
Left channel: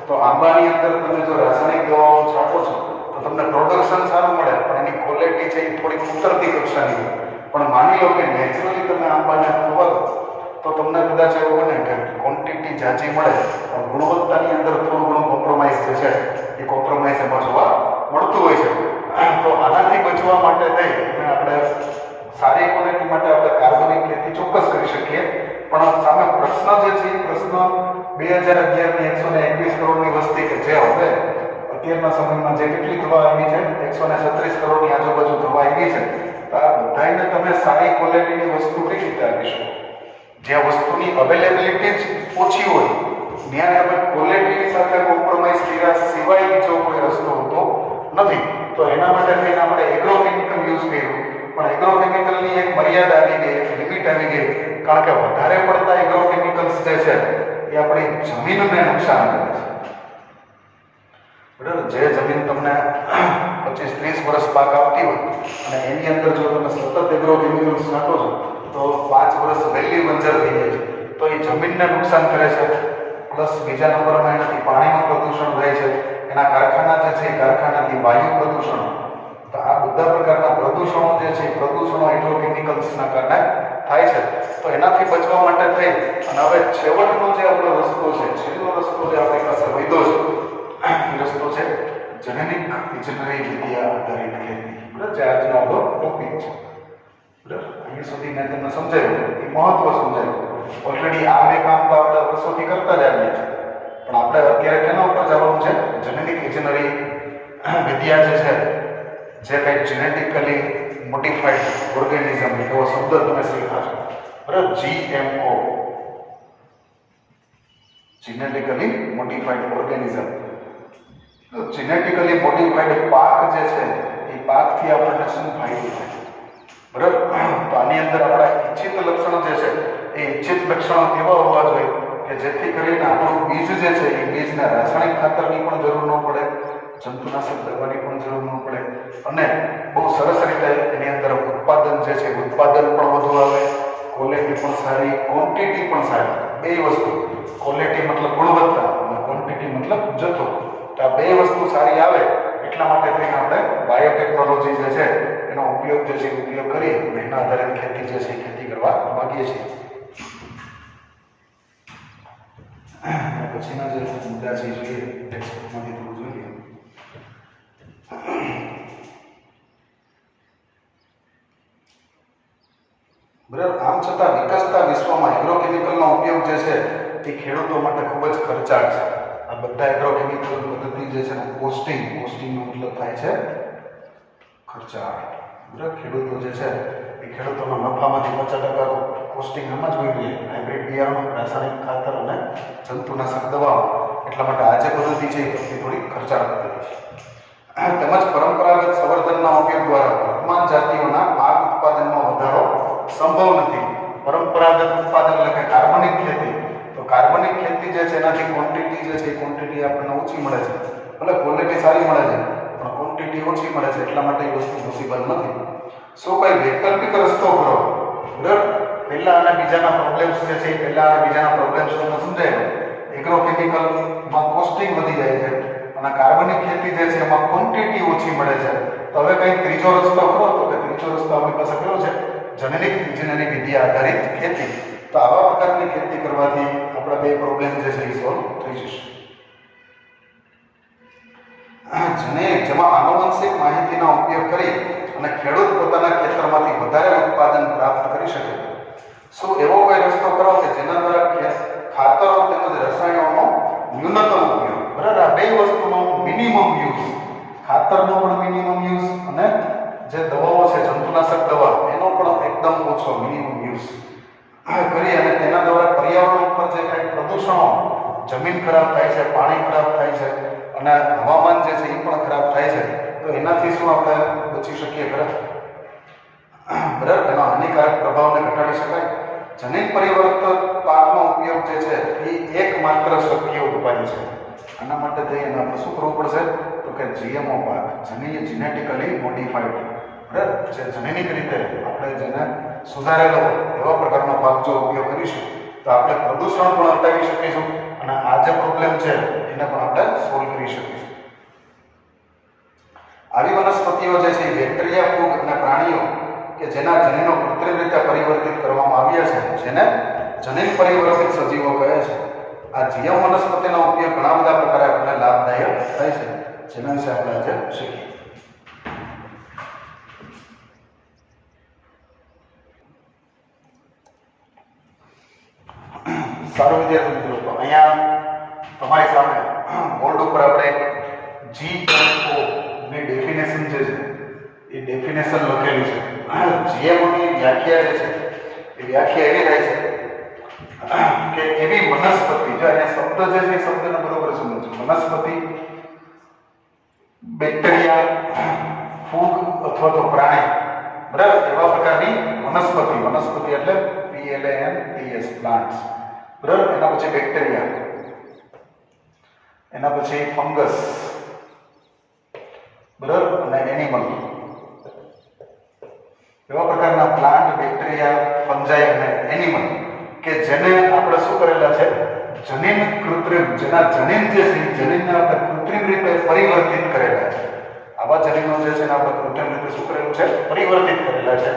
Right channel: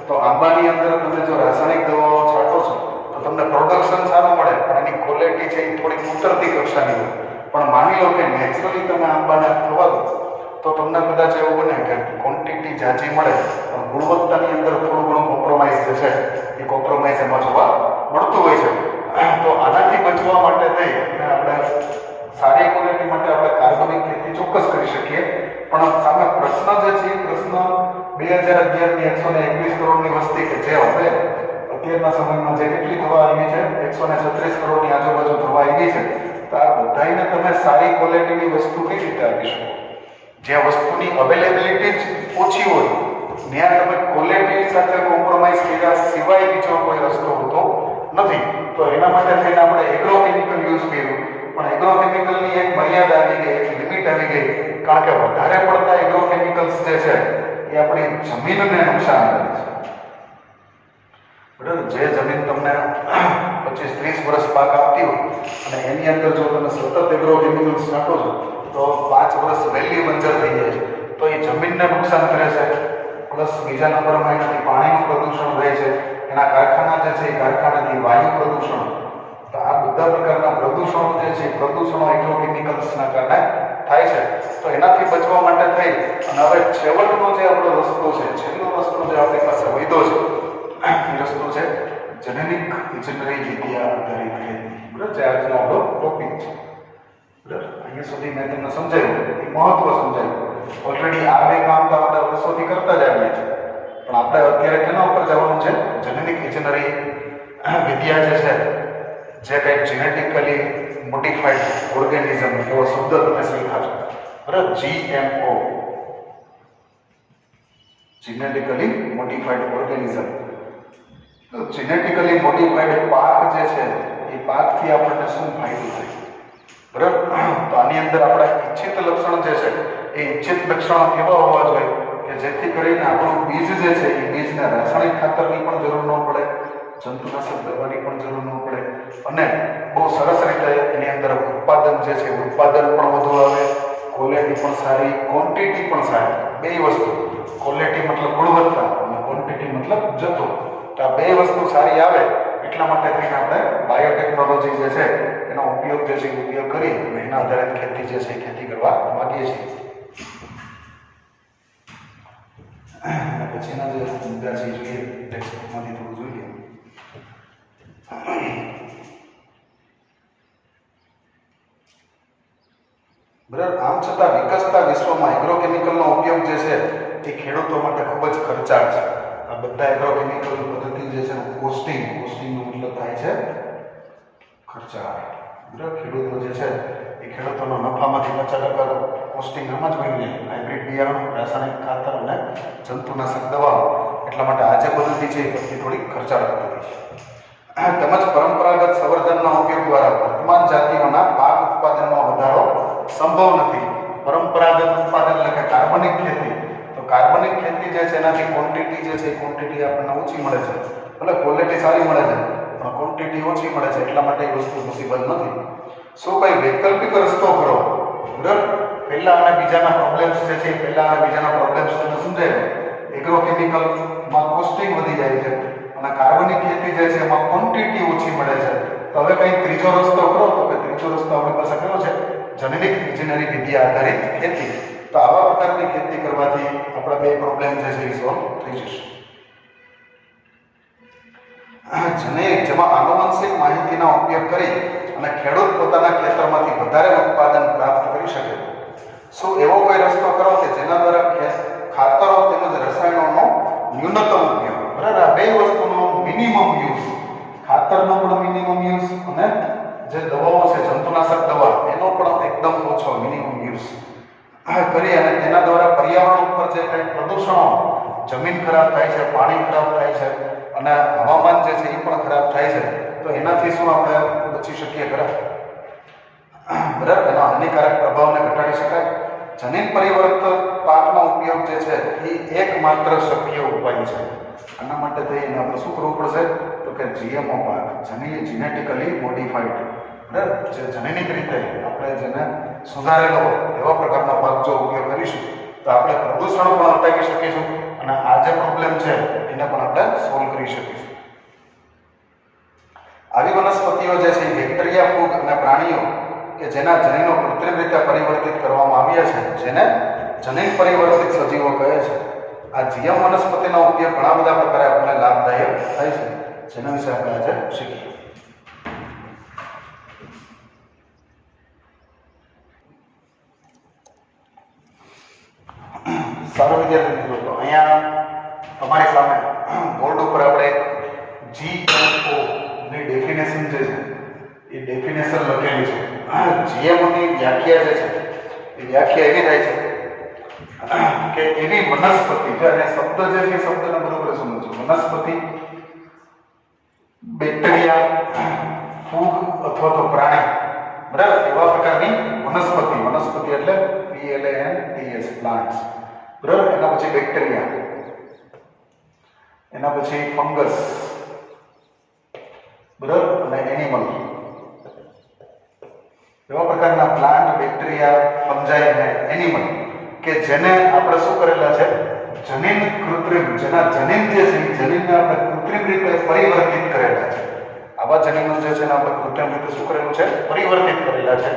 તો આંબાની અંદર તમે જો રાસાયણિક દવાઓ છાંટો છો તો તમને પ્રોડક્શન સારું મળે, પણ એની ક્વોલિટી છે એ થોડીક ઉતરતી કક્ષાની હોય. પણ માની લો કે નેચરલી તમે આંબાને ખવા દો તો તમને કદાચ એવું બને કે ક્વોન્ટિટી જાજી મળે પણ ગુણવત્તાની અંદર થોડું ઘણું કોમ્પ્રોમાઇઝ જે છે એ કોમ્પ્રોમાઇઝ એમાં જોવા મળતું હોય છે. તો આનાથી બચવા માટે થઈ આપણે સારી ક્વોલિટી માટે આપણે કાર્બનિક ખેતી ચોક્કસ કરી શકીએ. પણ સામે પ્રશ્ન જે છે એ પ્રશ્ન 2011ની 121 કરોડની વસ્તી કે જે હવે અત્યારના સમયમાં જે કેટલી થવા આવી છે 136 કરોડની આજુબાજુ થવા આવી છે, તો આ બધાને તમે સારી ક્વોલિટીની વસ્તુ કઈ રીતે આપી શકો? જ્યાં વસ્તુની અવેલેબિલિટી જ ઓછી હોય ત્યાં તમે ક્વોલિટી સાથે કોમ્પ્રોમાઇઝ કર્યા સિવાય બીજો કોઈ રસ્તો હોતો નથી. તો એના માટે થઈને આપણે એગ્રોકેમિકલ યુઝ કર્યું, પણ એગ્રોકેમિકલની એક મર્યાદા આવી ગઈ, એક લિમિટ આવી ગઈ. કારણ કે વધારે પડતા એગ્રોકેમિકલ્સ જે છે એ આપણી જમીનને નુકસાન કરે છે. બરાબર, જે જમીન તમને 25-30 વર્ષ પાક આપતી હોય અને એની અંદર જો તમે સતત એગ્રોકેમિકલ્સ નાખો છો તો 5 વર્ષ વહેલી બંજર થઈ જાય છે, તો એ જમીનને નુકસાન કરે છે. પ્લસ બીજા નંબરમાં એનાથી પાણીનું પ્રદૂષણ થાય છે, એના કારખાના જે છે એ કારખાનાથી વાયુ પ્રદૂષણ. તો આ બધા પ્રકારના પ્રદૂષણો જે છે પ્રદૂષણો એગ્રોકેમિકલ્સના કારણે થાય છે. તો એનાથી બચવા માટે થઈ અને હવે છેવટનો જે આપણો રસ્તો છે, છેલ્લો રસ્તો જે આપણી પાસે વધ્યો છે એ રસ્તો છે જેનેટિક ઇજનેરી વિદ્યા આધારિત ખેતી. બરાબર, જે આજનો આપણો ટોપિક છે. બરાબર, અહીંયા સુધી મેં તમને સમજાવ્યું, એ મહત્વ સમજાવ્યું. ઓલરેડી આ બે કામ તો આપણે વર્ષોથી કરતા જ આવીએ છીએ, પણ આપણે અત્યારે તેના ઉપર જવાનું છે જેનેટિક ઇજનેરી વિદ્યા જે છે, જે કંઈ જેનેટિકલી મોડિફાઈડ ઓર્ગેનિઝમ એવો શબ્દ તમે શીખ્યા છો. બરાબર, GMO, જેનેટિકલી મોડિફાઈડ ઓર્ગેનિઝમ. તો જેનેટિકલી મોડિફાઈડ પાક જે છે એ પાકથી આપણને શું ફાયદો થાય? બરાબર, તો આની અંદર આપણા ઈચ્છિત લક્ષણ જે છે એ ઈચ્છિત લક્ષણો એવા હોવા જોઈએ કે જેથી કરીને આપણું બીજ જે છે એ બીજને રાસાયણિક ખાતરની પણ જરૂર ન પડે, જંતુનાશક દવાની પણ જરૂર ન પડે, અને બહુ સરસ રીતે એની અંદર ઉત્પાદન જે છે ઉત્પાદન પણ વધુ આવે, ક્વોલિટી પણ સારી, ક્વોન્ટિટી પણ સારી. બે વસ્તુ, ક્વોલિટી મતલબ ગુણવત્તા અને ક્વોન્ટિટી મતલબ જથ્થો. તો આ બે વસ્તુ સારી આવે એટલા માટે થઈને આપણે બાયોટેકનોલોજી જે છે એનો ઉપયોગ જે છે ઉપયોગ કરી અને એના આધારિત ખેતી જે છે ખેતી કરવા માંગીએ છીએ. પછીના જે મુદ્દા છે જોઈએ ટેક્સ્ટમાંથી થોડું જોઈએ. બરાબર, આમ છતાં વિકસતા વિશ્વમાં એગ્રોકેમિકલનો ઉપયોગ જે છે એ ખેડૂતો માટે ખૂબ જ ખર્ચાળ છે. આ બધા એગ્રોકેમિકલ પદ્ધતિ જે છે કોસ્ટિંગનો મતલબ થાય છે ખર્ચાળ. બરાબર, ખેડૂતો જે છે એ ખેડૂતોના નફામાંથી 50% કોસ્ટિંગ આમાં જ હોય છે. હાઇબ્રિડ બિયારણ, રાસાયણિક ખાતર અને જંતુનાશક દવાઓ. એટલા માટે આ જે પદ્ધતિ છે એ પદ્ધતિ થોડી ખર્ચાળ પદ્ધતિ છે. તેમજ પરંપરાગત સંવર્ધનના ઉપયોગ દ્વારા વર્તમાન જાતિઓના પાક ઉત્પાદનમાં વધારો સંભવ નથી. પરંપરાગત ઉત્પાદન એટલે કે કાર્બનિક ખેતી. તો કાર્બનિક ખેતી જે છે એનાથી ક્વોન્ટિટી જે છે એ ક્વોન્ટિટી આપણને ઓછી મળે છે, ભલે ક્વોલિટી સારી મળે છે પણ ક્વોન્ટિટી ઓછી મળે છે, એટલા માટે એ વસ્તુ પોસિબલ નથી. શું કંઈ વૈકલ્પિક રસ્તો કરો? બરાબર, પહેલા અને બીજાના પ્રોબ્લેમ્સ જે છે પહેલા અને બીજાના પ્રોબ્લેમ્સ તમને સમજાય. એગ્રોકેમિકલમાં કોસ્ટિંગ વધી જાય છે અને કાર્બનિક ખેતી જે છે એમાં ક્વોન્ટિટી ઓછી મળે છે. તો હવે કંઈ ત્રીજો રસ્તો કરો? તો કે ત્રીજો રસ્તો આપણી પાસે કયો છે? જેનેટિક ઇજનેરી વિદ્યા આધારિત ખેતી. તો આવા પ્રકારની ખેતી કરવાથી આપણા બે પ્રોબ્લેમ જે છે એ સોલ્વ થઈ જશે. જેમાં આનુવંશિક માહિતીનો ઉપયોગ કરી અને ખેડૂત પોતાના ખેતરમાંથી વધારે ઉત્પાદન પ્રાપ્ત કરી શકે. શું એવો કોઈ રસ્તો કરો કે જેના દ્વારા ખાતરો તેમજ રસાયણોનો ન્યૂનતમ ઉપયોગ? બરાબર, આ બે વસ્તુનો મિનિમમ યુઝ, ખાતરનો પણ મિનિમમ યુઝ અને જે દવાઓ છે જંતુનાશક દવા એનો પણ એકદમ ઓછો મિનિમમ યુઝ કરી અને તેના દ્વારા પર્યાવરણ ઉપર જે કંઈ પ્રદૂષણો, જમીન ખરાબ થાય છે, પાણી ખરાબ થાય છે અને હવામાન જે છે એ પણ ખરાબ થાય છે, તો એનાથી શું આપણે બચી શકીએ ખરા? બરાબર, એનો હાનિકારક પ્રભાવને ઘટાડી શકાય. જમીન પરિવર્તન પાકનો ઉપયોગ જે છે એ એકમાત્ર શક્ય ઉપાય છે. આના માટે થઈને આપણે શું કરવું પડશે? તો કે જીએમઓ પાક, જેનેટિકલી મોડિફાઈડ, બરાબર, જે જનૈનિક રીતે આપણે જેને સુધારેલો એવા પ્રકારના પાક જો ઉપયોગ કરીશું તો આપણે પ્રદૂષણ પણ અટકાવી શકીશું અને આ જે પ્રોબ્લેમ છે એને પણ આપણે સોલ્વ કરી શકીશું. આવી વનસ્પતિઓ જે છે બેક્ટેરિયા, ફૂગ અને પ્રાણીઓ કે જેના જનીનો કૃત્રિમ રીતે પરિવર્તિત કરવામાં આવ્યા છે, જેને જનીન પરિવર્તિત સજીવો કહે છે. આ જીએમ વનસ્પતિનો ઉપયોગ ઘણા બધા પ્રકારે આપણને લાભદાયક થાય છે, જેના વિશે આપણે આજે શીખીએ. સારું વિદ્યાર્થી મિત્રો, તો અહીંયા તમારી સામે બોર્ડ ઉપર આપણે GMO ની ડેફિનેશન જે છે એ ડેફિનેશન લખેલી છે. GMO ની વ્યાખ્યા જે છે એ વ્યાખ્યા એવી થાય છે કે એવી વનસ્પતિ, જો અહીંયા શબ્દ જે છે શબ્દને બરોબર સમજો, વનસ્પતિ, બેક્ટેરિયા, ફૂગ અથવા તો પ્રાણી, બરાબર, એવા પ્રકારની વનસ્પતિ એટલે PLANTS, પ્લાન્ટ્સ, બરાબર. એના પછી બેક્ટેરિયા, એના પછી ફંગસ, બરાબર, અને એનિમલ, એવા પ્રકારના પ્લાન્ટ, બેક્ટેરિયા, ફંજાઈ અને એનિમલ કે જેને આપણે શું કરેલા છે, જનીન કૃત્રિમ, જેના જનીન જે છે જનીનને આપણે કૃત્રિમ રીતે પરિવર્તિત કરેલા છે. આવા જનીનો જે છે આપણે કૃત્રિમ રીતે શું કરેલું છે, પરિવર્તિત કરેલા છે.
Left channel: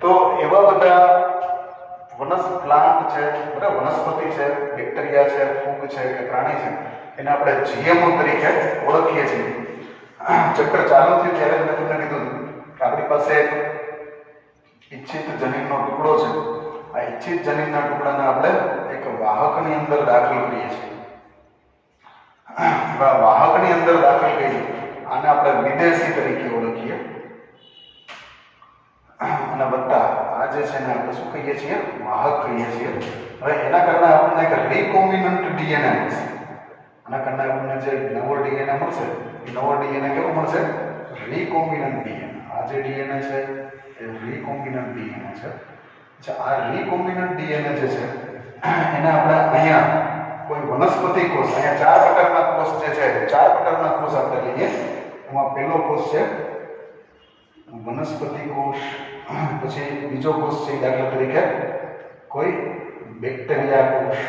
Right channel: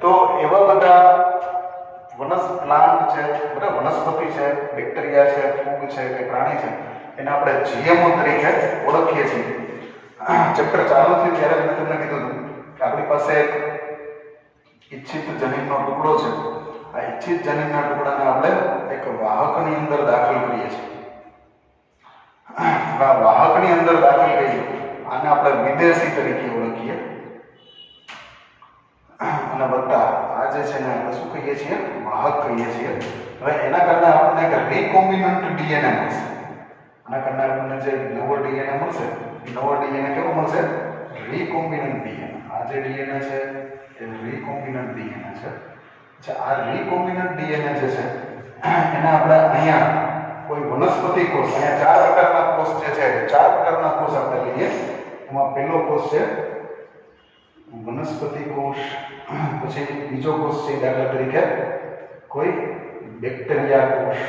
તો એવા બધા પ્લાન્ટ છે, બરાબર, વનસ્પતિ છે, બેક્ટેરિયા છે, ફૂગ છે કે પ્રાણી છે, એને આપણે જીએમઓ તરીકે ઓળખીએ છીએ. ચેપ્ટર ચાલુ થયું ત્યારે મેં તમને કીધું કે આપણી પાસે એક ઈચ્છિત જનીનનો ટુકડો છે. આ ઈચ્છિત જનીનના ટુકડાને આપણે એક વાહકની અંદર દાખલ કરીએ છીએ. વાહકની અંદર દાખલ કરીએ આને આપણે વિદેશી તરીકે ઓળખીએ અને વત્તા આ જે છે ને આપણે શું કહીએ છીએ, વાહક કહીએ છીએ. હવે એના કારણે આપણને એક રિકોમ્બિનન્ટ ડીએનએ મળશે. આના કારણે આપણને જે નવો ડીએનએ મળશે એ નવો ડીએનએ કેવો મળશે, રિકોમ્બિનન્ટ ડીએનએ. આ જે ડીએનએ છે એ રિકોમ્બિનન્ટ ડીએનએ છે. આ રિકોમ્બિનન્ટ ડીએનએ જે છે એને આપણે અહીંયા કોઈ વનસ્પતિ કોષ, અહીંયા 4 પ્રકારના કોષ જે છે, 4 પ્રકારના કોષ આપણે લઈએ. એમાં પહેલો કોષ છે વનસ્પતિ કોષ, પછી બીજો કોષ છે દાખલા તરીકે કોઈ બેક્ટેરિયા કોષ,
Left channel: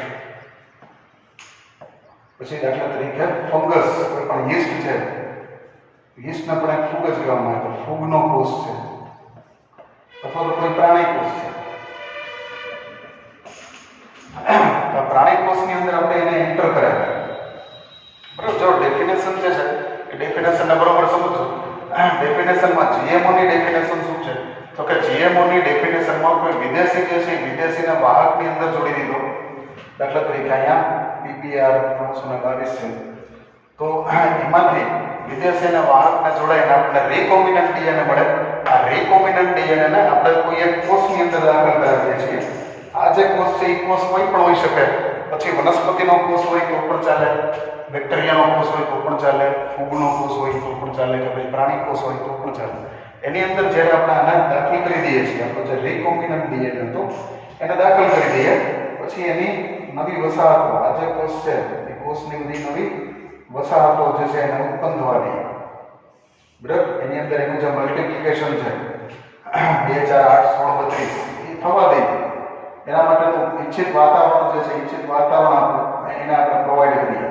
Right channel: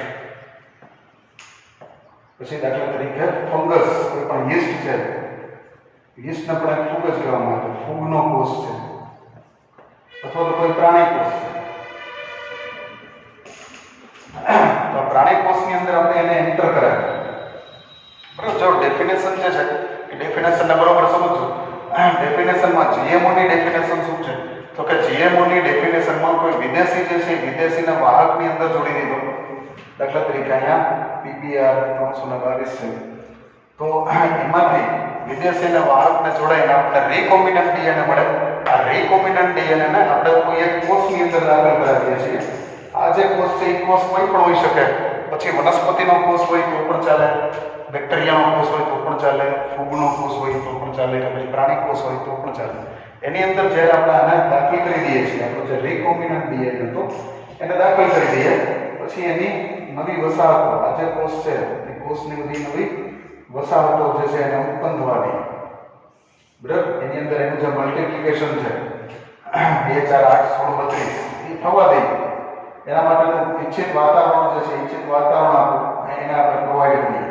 પછી દાખલા તરીકે ફંગસ, કોઈ પણ યીસ્ટ છે, યીસ્ટને પણ એક ફૂગ જ કહેવામાં આવે, તો ફૂગનો કોષ છે, અથવા તો કોઈ પ્રાણી કોષ છે. તો પ્રાણી કોષની અંદર આપણે એને એન્ટર કરાય, બરાબર. જો ડેફિનેશન જે છે એ ડેફિનેશનને બરોબર સમજો. ડેફિનેશનમાં GMO ની ડેફિનેશન શું છે, તો કે GMO ની ડેફિનેશનમાં કોઈ વિદેશી જે છે વિદેશીને વાહકની અંદર જોડી દીધો. દાખલા તરીકે અહીંયા PPR 322 છે, તો એમાંથી વિદેશીને વાહકને જોડાઈને આપણને રિકોમ્બિનન્ટ ડીએનએ મળે. આ રિકોમ્બિનન્ટ ડીએનએ આપણે કોઈ એક કોષની અંદર દાખલ કરાવીએ છીએ. આ જે કોષ છે એ કોષ કોઈ પણ હોઈ શકે, પછી વનસ્પતિનો કોષ હોય તો પણ ચાલે, બેક્ટેરિયાનો કોષ હોય તો પણ ચાલે, ફૂગનો કોષ હોય તો પણ ચાલે, કે પછી પ્રાણી કોષ હોય તો પણ ચાલે. એની અંદર જ્યારે આપણે આને દાખલ કરી દઈએ છીએ, આપણો જે રિકોમ્બિનન્ટ ડીએનએ હતો એને દાખલ કરી દઈએ, પછી એની નવી વસાહતો, આ જે કોષ છે એ કોષની બધી નવી વસાહતો જે છે એને ઉત્પન્ન થવા દઈએ, બરાબર. એની અંદર એનું જે મલ્ટિપ્લિકેશન છે 2 4 8 16 32 એ થવા દઈએ. એના માટેનું ઈચ્છિત વાતાવરણ જે છે, ઈચ્છિત વાતાવરણ એને આપણે પ્રોવાઈડ કરીએ,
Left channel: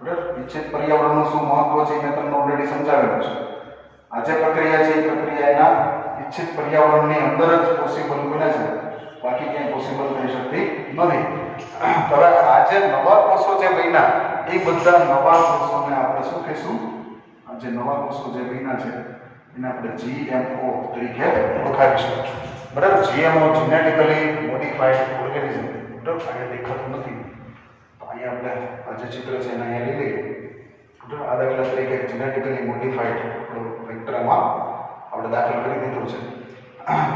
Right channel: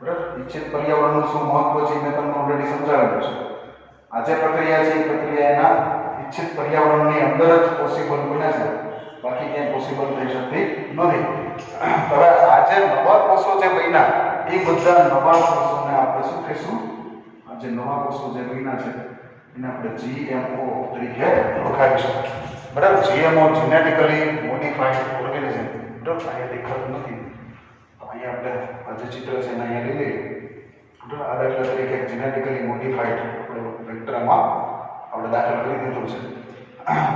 બરાબર. ઈચ્છિત પર્યાવરણનું શું મહત્વ છે મેં તમને ઓલરેડી સમજાવેલું છે. આ જે પ્રક્રિયા છે એ પ્રક્રિયા એના ઈચ્છિત પર્યાવરણની અંદર જ પોસિબલ બને છે, બાકી ક્યાંય પોસિબલ થઈ શકતી નથી. હવે આ જે નવા કોષો જે બન્યા એ બધા નવા કોષોને આપણે શું કહીશું, આ જે નવા કોષો જે બન્યા છે એને આપણે GMO તરીકે ઓળખાવીશું, બરાબર. GMO જેનેટિકલી મોડિફાઈડ ઓર્ગેનિઝમ, બરાબર. અહીંયા દેખાતું નથી તો અહીંયા આપણે આ જે ચિત્ર છે એને અહીંયા લઈ લઈએ, બરાબર. આ દાખલા તરીકે જેનેટિકલી મોડિફાઈડ આપણો વેક્ટરમાં આપણે દાખલ કરી દીધું છે.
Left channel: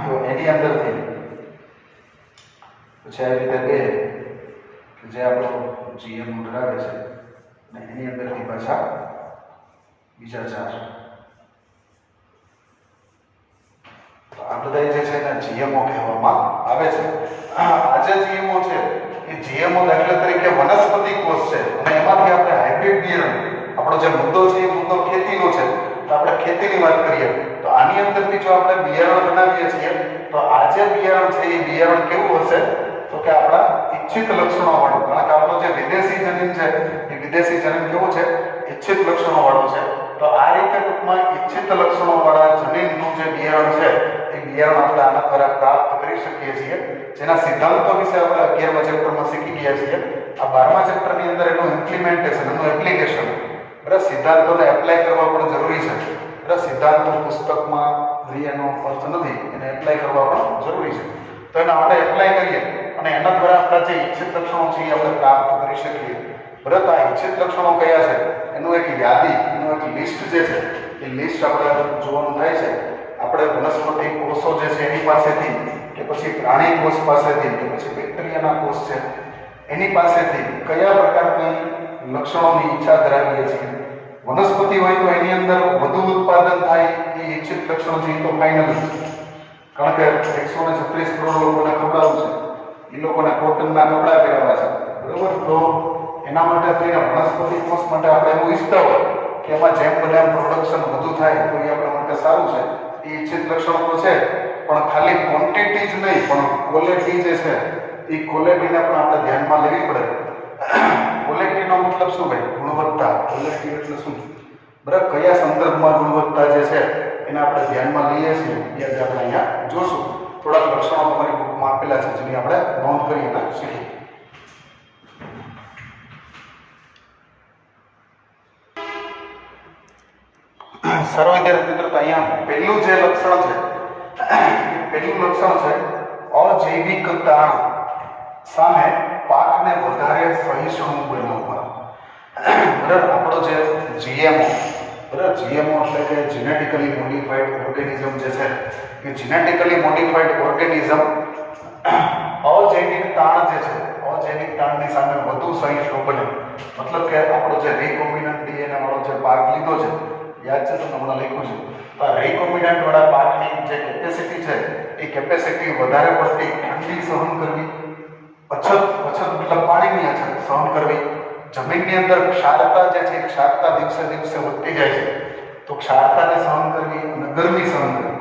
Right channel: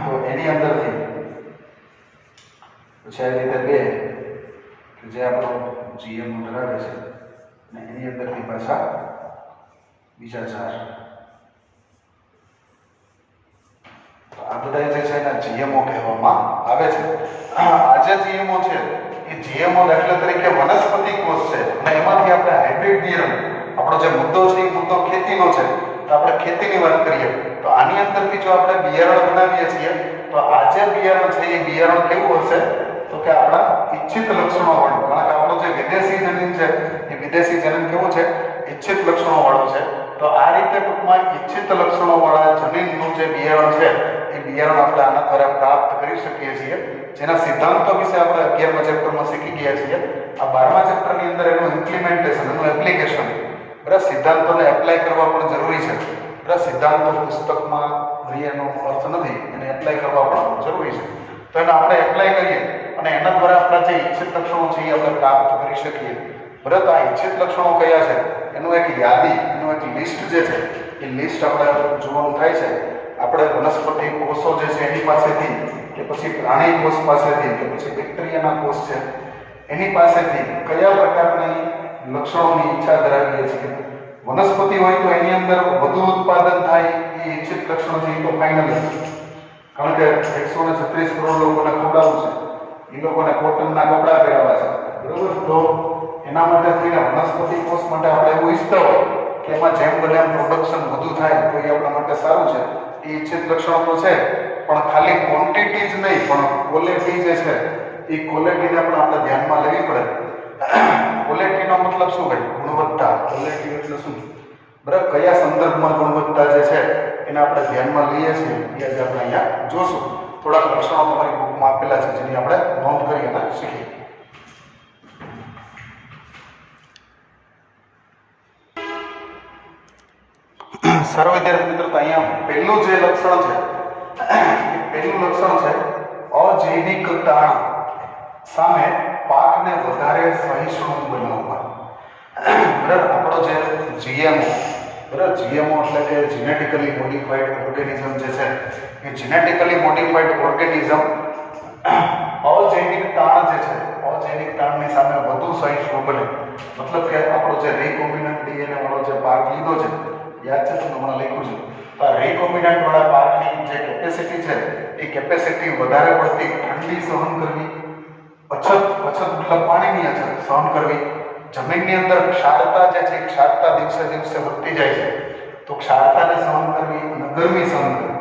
તો એની અંદરથી પછી આવી રીતે બે કે જે આપણો GMO ધરાવે છે અને એની અંદરથી પાછા બીજા 4. તો આ બધા જે છે એને GMO કહેવામાં આવે છે. આ જે GMO છે એ GMO દાખલા તરીકે વનસ્પતિ કોષ છે અને એમાંથી આપણે હાઇબ્રિડ બિયારણ, આપણો જે મુદ્દો છે એ મુદ્દો ખેતીનો છે, તો આપણે ખેતીની વાત કરીએ તો આની અંદરથી જો આપણે બિયારણ બનાવીએ છીએ તો આ જે બિયારણ છે એ બિયારણ કેવું હશે તો કે આપણા ઈચ્છિત લક્ષણો વાળું. કારણ કે આપણો જે વિદેશી જનીન છે એ વિદેશી જનીન કેવું છે? ઈચ્છિત લક્ષણો વાળું છે. તો આ રીતે ટૂંકમાં ઈચ્છિત લક્ષણો વાળા જનીનનું જે બિયારણ છે એ બિયારણ આપણે આના દ્વારા પ્રાપ્ત કરી શકીએ છીએ, જેના સિદ્ધાંતો વિશે આપણે 11મા ચેપ્ટરમાં શીખી ગયા છીએ. આ 12મા ચેપ્ટરની અંદર એનું ઇમ્પ્લિમેન્ટેશન, એનું એપ્લિકેશન, બરાબર, સિદ્ધાંતોને એપ્લાય કરવા પણ જરૂરી છે. બરાબર, સિદ્ધાંતો પુસ્તકમાં એનો અર્થ નથી, એને એપ્લાય કરવા પણ જરૂરી છે. તો એને આપણે એપ્લાય કરીએ અને એના દ્વારા આપણા જે ઈચ્છિત લક્ષણો છે એ આપણે પ્રાપ્ત કરી શકીએ. બરાબર, આ ઈચ્છિત લક્ષણો કયા છે એનું એક યાદી, એનું એક લિસ્ટ જે છે એ લિસ્ટ આપણે જોવાનું થાય છે. આપણે વનસ્પતિ કોષો જે છે એની પાસેથી કે પછી પ્રાણી કોષ પાસેથી કે પછી બેક્ટેરિયાના કોષ છે એની પાસેથી કયા પ્રકારની લક્ષણોની ઈચ્છા ધરાવીએ છીએ. વનસ્પતિ હોય તો એની અંદર વધુ ઉત્પાદન થાય એ ઈચ્છિત લક્ષણો છે એ તો ફાઇનલ છે. કારણ કે 136 કરોડ લોકોને ખવડાવવું છે, એ લોકોને કોટનના કપડાં પહેરવા છે, બરોબર. તો એના માટે થઈને વનસ્પતિ કોષ માટે આપણે એવું ઈચ્છતા હોય કે એમાં જેમ બને એમ પ્રોડક્શન વધુ થાય તો એ આપણા માટે સારું છે. એ ઈચ્છિત લક્ષણો તો છે, પણ ખાલી ક્વોન્ટિટી જ નહીં પણ ક્વોલિટી જે છે એ ક્વોલિટીને પણ આપણે ધ્યાનમાં લેવી પડે. ક્વોલિટીનો મતલબ શું ભાઈ? ગુણવત્તા. ક્વોલિટી એટલે શું? બરાબર, કયા સંદર્ભમાં ગુણવત્તા જે છે એને આપણે ધ્યાનમાં લઈએ છીએ એ આજે આપણે અહીંયા જોશું. થોડાક લક્ષણો તમારી બુકમાં આપેલા છે જેની આપણે નોંધ કરી અને શીખીએ. સારો વિદ્યાર્થી મિત્રો, તો અહીંયા પહેલું જે લક્ષણ છે પહેલું લક્ષણ છે અજૈવિક તાણ સામે પાકને વધારે સહિષ્ણુ બનાવવા. બરાબર, આપણો જે GMO, બરાબર, GMO એટલે કે જેનેટિકલી મોડિફાઈડ ઓર્ગેનિઝમ જે છે એ જેનેટિકલી મોડિફાઈડ ઓર્ગેનિઝમ અજૈવિક તાણ જે છે અજૈવિક તાણની સામે વધુ સહિષ્ણુ બને. મતલબ કે આપણો જે રિકોમ્બિનન્ટ DNA વાળો જે પાક લીધો છે, યાદ છે તમને હમણાં લખ્યું છે, તો આ રિકોમ્બિનન્ટ વાળા પાકની જે કેપેસિટી છે એ કેપેસિટી વધારે પડતી ઠંડી સહન કરવી, અછત મતલબ પાણીની અછત સહન કરવી, જમીનની અંદર ક્ષારતા જે છે ક્ષારતા દિવસે દિવસે વધતી જાય છે તો ક્ષારતાને સહન કરવી અને ગરમી સહન કરવી,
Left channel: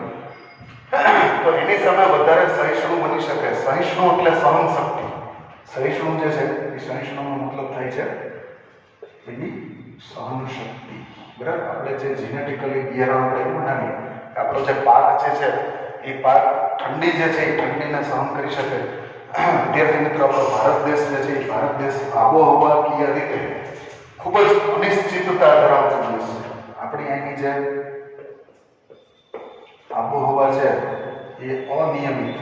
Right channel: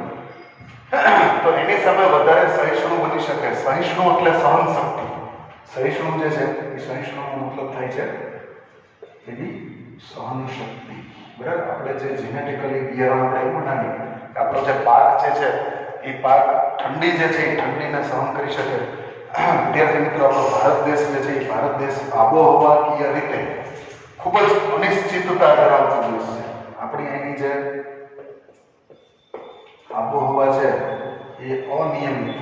તો એની સામે વધારે સહિષ્ણુ બની શકે. સહિષ્ણુ એટલે સહન શક્તિ. સહિષ્ણુ જે છે એ સહિષ્ણુનો મતલબ થાય છે એની સહન શક્તિ. બરાબર, આપણે જે જેનેટિકલી બિયારણ આપણે એવું બનાવીએ કે આપણો જે પાક જે છે એ પાક ઠંડી જે છે એ ઠંડીને સહન કરી શકે. વિદ્યાર્થી મિત્રો, આપણો ભારત દેશ જે છે એ ભારત દેશ આબોહવાકીય રીતે ખૂબ જ અનિશ્ચિતતા ધરાવતો દેશ છે. આપણી અહીંની જે આબોહવા છે એ અનિયમિત.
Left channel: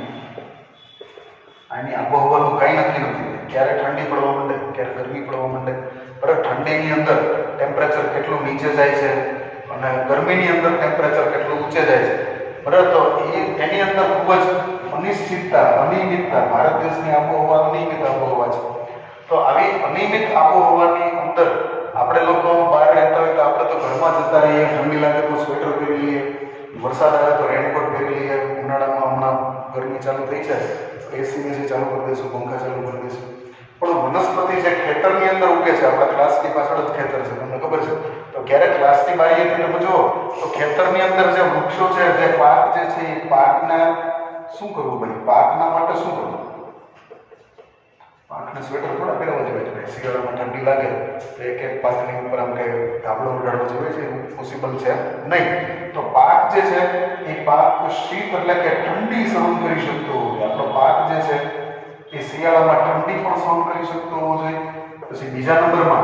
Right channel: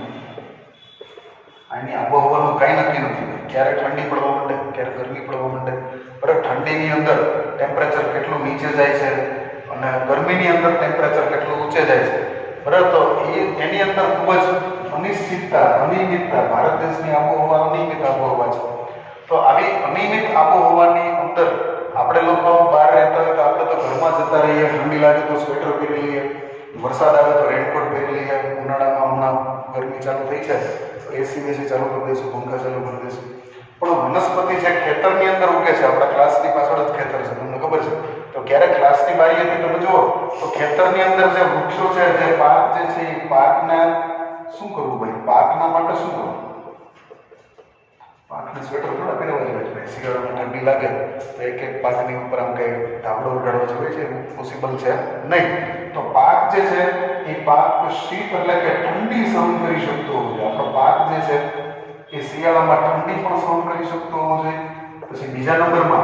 અહીંની આબોહવાનું કંઈ નક્કી નથી. ક્યારેક ઠંડી પડવા માંડે, ક્યારેક ગરમી પડવા માંડે. બરાબર, ઠંડીની અંદર ટેમ્પરેચર કેટલું નીચે જાય છે અને ગરમીની અંદર ટેમ્પરેચર કેટલું ઊંચે જાય છે. બરાબર, તો એની અંદર ખૂબ જ અનિશ્ચિતતા, અનિયમિતતા. ભારત દેશની આબોહવા અનિયમિત આબોહવા છે. તો આવી અનિયમિત આબોહવાની અંદર આપણે લોકો બહાર રહેતા હોય તો આપણે તો ઘરમાં જતા રહીએ, ઠંડી લાગે તો સ્વેટર પહેરી લઈએ, વરસાદ આવે તો રેનકોટ પહેરી લઈએ, ઉનાળામાં હમણાં ગરમી ચાલુ થઈ છે તો AC ચાલુ કરી દઈશું, પંખા ચાલુ કરી દઈશું. પણ વનસ્પતિ જે ખેતરની અંદર ઉગે છે, આપણા ક્લાસની પાછળ જ ખેતર છે, તમને ખબર છે, તો ક્યારેક ક્લાસની બારીએથી તમે જુઓ તો ખેતરની અંદર જે વૃક્ષો છે, જે પાક જે છે એ પાકને શું કરવું ભાઈ? પાકના માટે શું કરવું? પાકને સ્વેટર થોડા પહેરવા જોઈએ ભાઈ. શિયાળામાં ઠંડી લાગે તો એક એક પાકની ઉપર આમ કંઈ ધાબળો ઉડાડવો જોઈએ છે, એવું પોસિબલ છે નહીં. તો પાક જે છે એ પાક શીત એટલે કે ઠંડી સહન કરી શકતો હોવો જોઈએ. આપણો પાક જે છે એ શિયાળામાં ઠંડી પણ સહન કરી શકતો હોવો જોઈએ. પછી બીજા નંબરમાં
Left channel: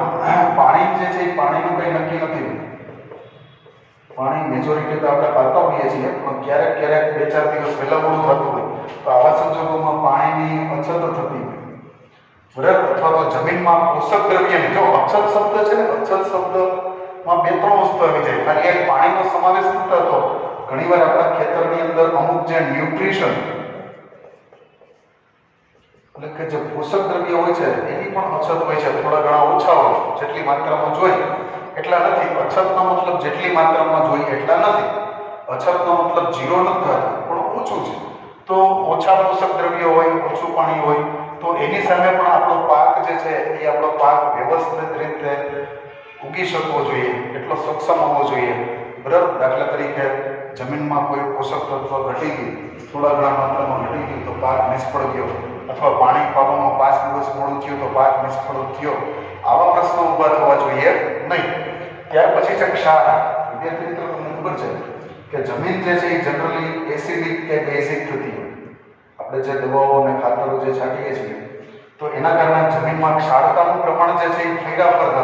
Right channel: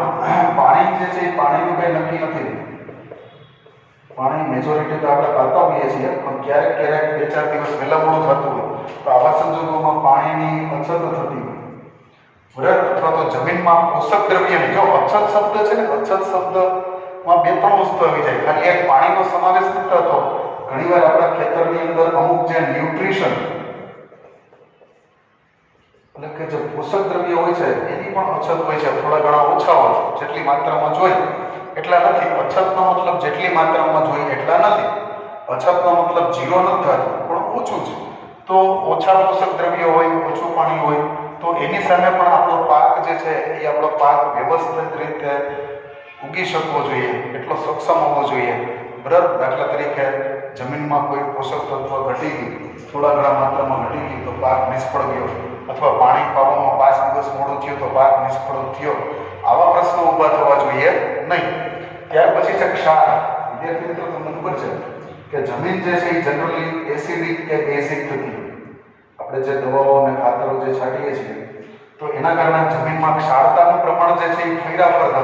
પાણી જે છે એ પાણીનું કંઈ નક્કી નથી. પાણી મેજોરિટી તો આપણે પાતા હોઈએ છીએ, પણ ક્યારેક ક્યારેક 2-4 દિવસ વહેલા મોડું થતું હોય તો આવા સંજોગોમાં પાણીની અછત થતી હોય. બરાબર, અથવા તો જમીનમાં પોષક દ્રવ્યની, જો અછત શબ્દ છે ને, અછત શબ્દમાં 2-3 વસ્તુ આવી જાય. ખાલી એક પાણીનો સમાવેશ નથી થતો. ઘણીવાર આપણા ખેતરની અંદર અમુક જે ન્યુટ્રિશન એટલે કે જે પોષક દ્રવ્ય હોય છે એની પણ અછત હોય છે, થોડા ઘણા ઓછા હોય, જેટલી માત્રામાં જોઈએ એટલા નથી. અછતનો મતલબ જેટલી માત્રામાં જોઈએ એટલા નથી, અછતનો મતલબ ઝીરો નથી થતો, પણ ઓછું છે. તો ઓછા પોષક દ્રવ્ય હોય, ઓછું પાણી હોય, તો એની સામે પણ આપણો પાક જે છે એ આપણો પાક વ્યવસ્થિત રીતે ઉગી શકવો જોઈએ, એટલો સક્ષમ હોવો જોઈએ. બરાબર. દાખલા તરીકે જમીનમાં કોઈ પોષક તત્વ ઘટી ગયું, થોડા ઘણા માત્રામાં ઘટી ગયું તો પાક નિષ્ફળ ગયો, અથવા પાણી પાવામાં 5 દિવસ મોડું થયું તો પાક નિષ્ફળ થયો. આવા પ્રશ્નો ઊભા થવા જોઈએ નહીં. ત્યાર પછી છે ક્ષાર. વિદ્યાર્થી મિત્રો, તમને ખબર છે કે જમીન જે છે એ જનરલી એસિડિક કે બેઝિક થતી હોય. આપણે જે દવાઓ અને ખાતરો જે છાંટીએ છીએ તો એના કારણે જમીનમાં ક્ષારતાનું પ્રમાણ જે છે એ ફેરફાર થતો.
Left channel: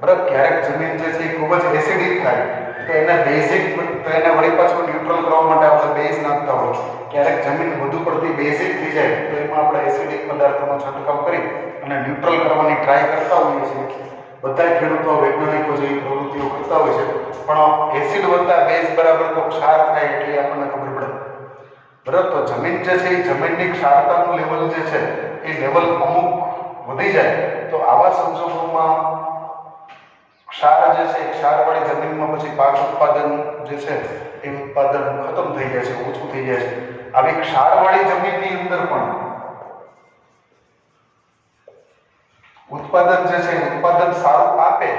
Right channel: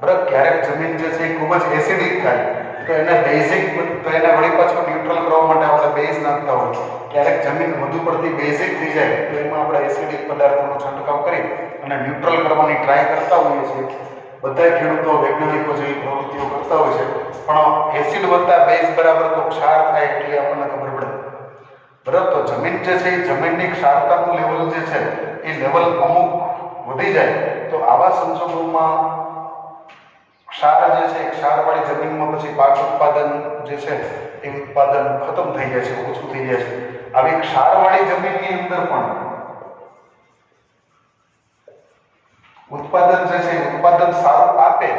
બરાબર. ક્યારેક જમીન જે છે એ ખૂબ જ એસિડિક થાય તો એને બેઝિક, તો એને વળી પાછું ન્યુટ્રલ કરવા માટે આપણે બેઝ નાખતા હોય. ક્યારેક જમીન વધુ પડતી બેઝિક થઈ જાય તો એમાં આપણે એસિડિક પદાર્થોનો છંટકાવ કરી અને ન્યુટ્રલ કરવાની ટ્રાય કરતા હોઈએ છીએ. બધા ખેડૂતો, વૈજ્ઞાનિકો જેવી પ્રવૃત્તિઓ કરતા હોય છે, પણ એસિડ વત્તા બેઝ બરાબર તો ક્ષાર થાય એટલે આપણને ખબર પડે. બરાબર. તો જમીન જે છે એ જમીનની ક્ષારતાનું લેવલ જે છે એ લેવલ અમુક વધી જાય તો આવા સંજોગોમાં ક્ષાર જે છે, ક્ષારવાળી જમીનમાં પછી પાક ઉત્પાદન જે છે એ ઉત્પાદન ખતમ થઈ જાય છે, ઓછું થઈ જાય છે. આવી ક્ષારવાળી જમીનની અંદર પણ ઉત્પાદન જે છે ઉત્પાદન સારું આપે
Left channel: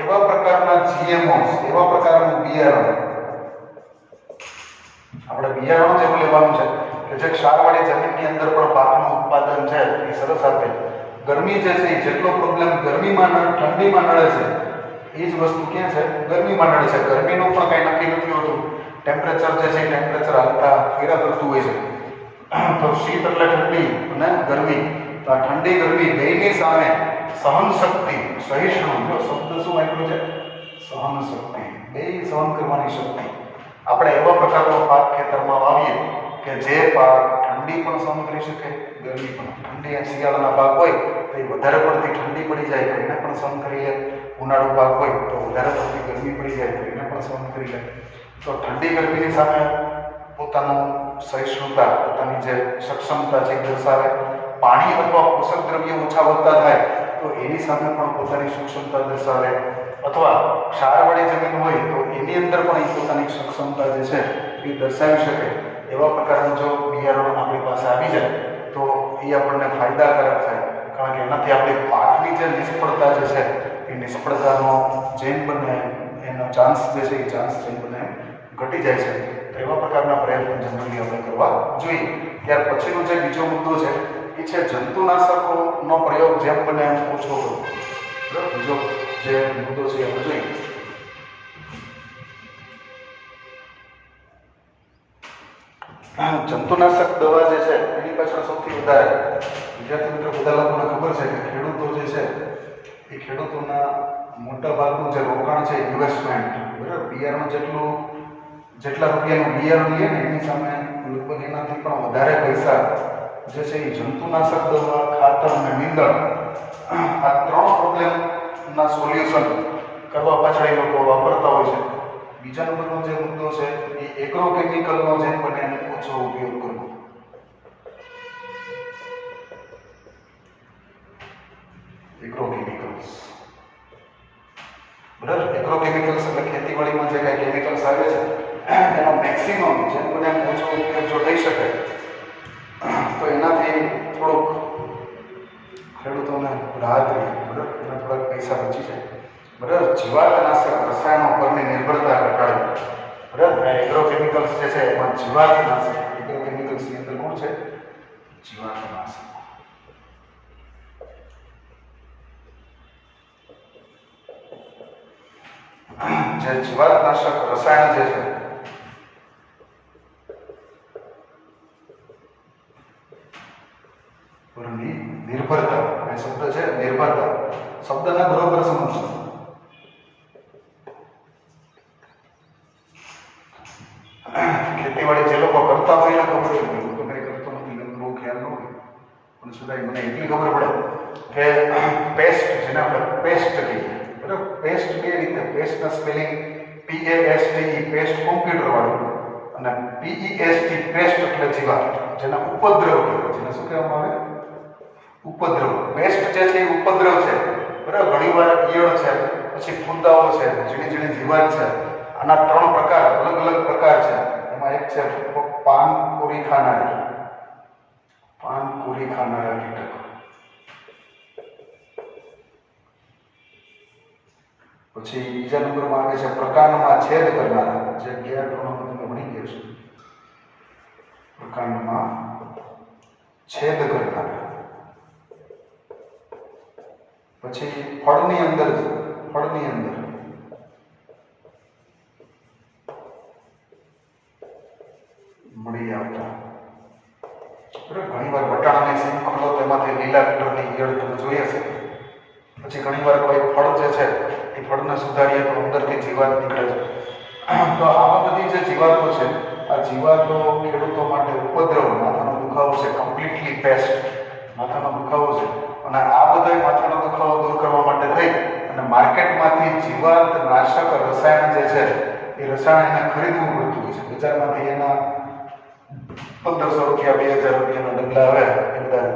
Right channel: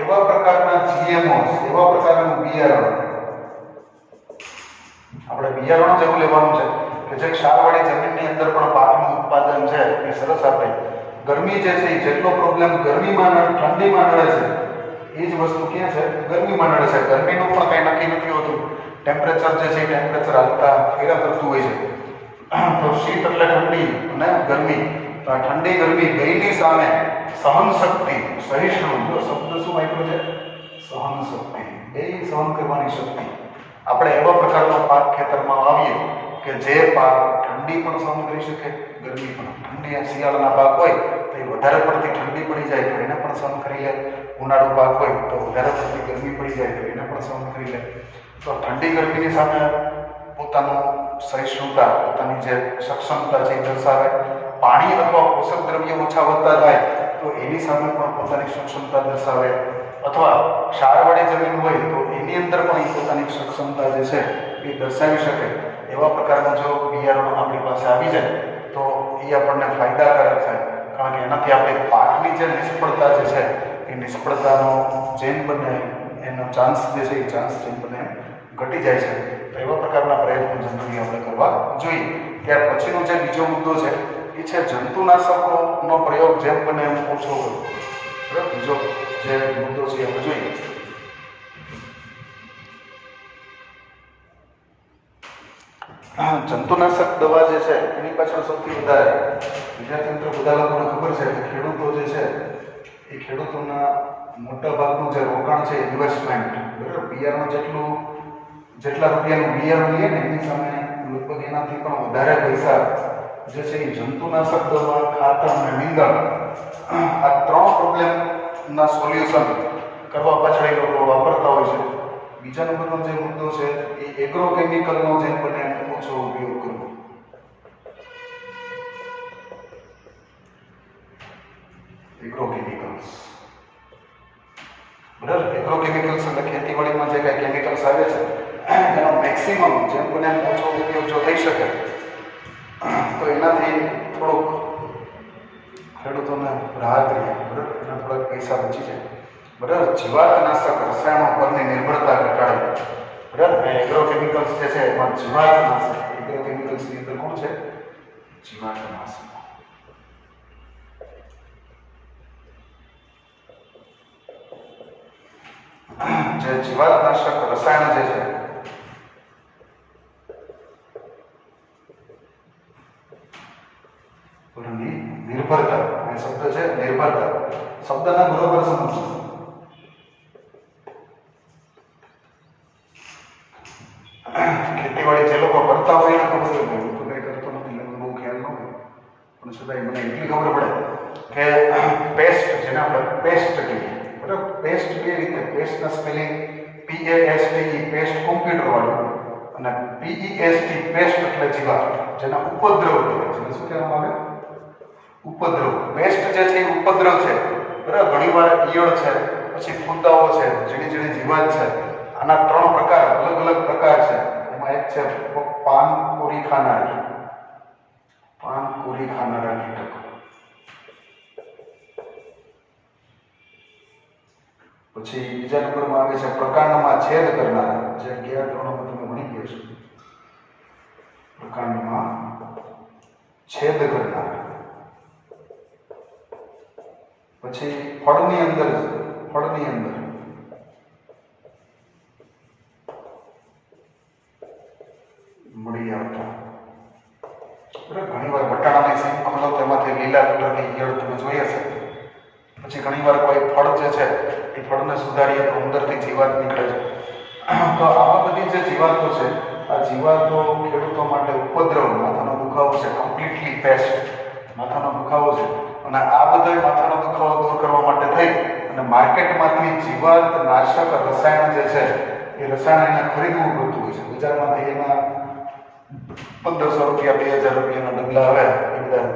એવા પ્રકારના જીએમઓસ, એવા પ્રકારનું બિયારણ, આપણે બિયારણ જેવું લેવાનું છે કે જે ક્ષારવાળી જમીનની અંદર પણ પાકનું ઉત્પાદન છે એ સરસ આપે. ગરમી જે છે એ જેટલો પ્રોબ્લેમ ગરમીમાં ઠંડીમાં નડે છે એ જ વસ્તુ ક્યાં છે? ગરમીમાં નડે છે. ગરમીનું પણ કંઈ નક્કી નથી હોતું. ટેમ્પરેચર જે છે એ ટેમ્પરેચર હાલતા ફેરા કરતું હોય છે. તો શીત એટલે ઠંડી અને ગરમી. તો આ ઠંડી ગરમી બેયની સામે સહન શક્તિ, સહિષ્ણુ, જો શબ્દ શું વાપર્યો છે? સહન શક્તિ. બે સહન કરવાની શક્તિ. આપણે એવા પ્રકારનો પાક ખેતરમાં વાવીએ કે જે પાક ઠંડી પણ સહન કરી શકે, ગરમી પણ. ઠંડી શિયાળાના પાક હોય તો એ વધારે પડતી ઠંડી પડી જાય તો એને પણ સહન કરી લે. ઉનાળુ પાક હોય તો વધારે પડતી ગરમી પડી જાય તો એને પણ સહન કરી લે. તો ઠંડી ગરમીની સામે પોતાનું સહિષ્ણુતા, પોતાની જે સક્ષમતા છે એ દર્શાવે. પાણી અથવા પોષક દ્રવ્ય ઓછા વધતા થાય તો એની સામે પણ પોતાની સક્ષમતા દર્શાવે. અથવા ક્ષારવાળી જમીન હોય તો એની અંદર પણ એ પોતાની સક્ષમતા જે છે એ દર્શાવી શકે. એવા પ્રકારનું જો બિયારણ આપણી પાસે આવી જાય તો એ આપણને ફાયદાકારક થાય. કારણ કે એનાથી આપણી પાકની જે નિષ્ફળતા જે છે એ નિષ્ફળતાનો જેમ બને એનો ચાન્સ જે છે એ ચાન્સ જેમ બને ઘટી જાય છે. તો એવા પ્રકારના પ્રયત્નો જનરલી આપણે કરવા જોઈએ. ત્યાર પછીનો જે બીજો મુદ્દો છે એ છે જંતુનાશકોનો પ્રયોગ જેમ બને એમ ઓછો કરવો. બરાબર. બીજો જે મુદ્દો છે એ જોઈએ. જંતુનાશક દવા જે છે એની પાછળ સૌથી વધારે વિદ્યાર્થી મિત્રો બધા લોકોને ખબર છે કે ખેડૂતો જે છે એ ખેડૂતોના મોટા ભાગનું જે રોકાણ છે ઇન્વેસ્ટમેન્ટ, બરાબર, બિયારણ જેટલા રૂપિયાનું બિયારણ લઈએ ને એની સામે લગભગ એનાથી પણ વધારે પૈસા જે છે એ જંતુનાશક દવા, ખાતર અને નીંદણ, આ 3 પ્રોબ્લેમના સોલ્યુશન કરવા પાછળ એ લોકો વાપરતા હોય છે. બીજા નંબરનો જે મુદ્દો છે એ એગ્રોકેમિકલનો જેમ બને એમ ઓછો ઉપયોગ કરવો. એગ્રોકેમિકલ્સ, બરાબર. એગ્રોકેમિકલ્સ એટલે ખેતીવાડીમાં જે કાંઈ કેમિકલ્સ આવે છે એનો મેક્સિમમ જેમ બને એમ ઓછો ઉપયોગ જો થઈ શકે તો એનાથી થોડુંક ખેડૂતોને રાહત રહે. બરાબર. એના થોડાક પૈસા બચી જાય. બરાબર. જીવાતનાશક રસાયણો પરની નિર્ભરતા ઘટાડે. બરાબર. એગ્રોકેમિકલ્સ જે છે એમાં જીવાતનાશક, એગ્રોકેમિકલ્સની અંદર કોણ છે? જીવાતનાશક. જે જીવાતનાશક રસાયણ જે છે નિર્ભરતા, એ શબ્દ છે નિર્ભરતા, શબ્દને બરોબર સમજજો. ખેતીવાડી જે લોકો કરતા હોય એને ખબર હોય, હું તો કંઈ કરતો નથી એટલે બહુ ખ્યાલ ન હોય, પણ છતાંય મને એટલી ખબર પડે કે પેસ્ટ, જેને આપણે પેસ્ટ કહીએ, બરાબર. પેસ્ટ બે રીતે, પેસ્ટના સ્પેલિંગ PAST, પેસ્ટ કોમ્પ્યુટર વાળું, અને PEST પેસ્ટ એટલે જીવાત, જેના ઉપદ્રવ કહેવાય. જેને શું કહેવામાં આવે? ઉપદ્રવ, પેસ્ટ જે છે એ ઉપદ્રવ છે, બરાબર. ઘણીવાર ઈયળ છે, પછી ફૂંદાઓ છે, ઝીણી ઝીણી જીવાત છે. આના 3 પ્રકાર, અલગ અલગ પ્રકાર છે. એમાં એક છે પાનકોરી ખાનારી, પાનકોરી ખાનારા કીટક. પછી બીજા નંબરમાં આવે છે પ્રકાંડમાં છેદ કરનારા, જે ગયા ધોરણમાં તમે ભણી ગયા છો. પ્રકાંડમાં છેદ કરનારા. પછી ફળની અંદર મળી આવતા. ઘણી વાર બટાણાની સીમ ખોલો તેમાંથી લીલા કલરની ઈયળ તમે જોઈ હશે. પછી ઘણીવાર કોઈ ફળ જે છે એ ફળને સુધારીએ તો અંદરથી જીવાત નીકળે છે. તો આવા બધી જે જીવાતો છે, આ જીવાતો ખેડૂતો માટે ઉપદ્રવ, માથાનો દુખાવો છે, કમ્પ્લીટલી પેસ્ટ, માથાનો દુખાવો છે. અને આ બધા માથાનો દુખાવો દૂર કરવા માટે થઈ અને માર્કેટમાંથી જીવાત નાશક રસાયણ જે છે એ રસાયણ એને ખરીદવું પડતું હોય છે. બજારમાંથી એના 1500 રૂપિયા 2000 રૂપિયાના ડગલા આવે એ બધા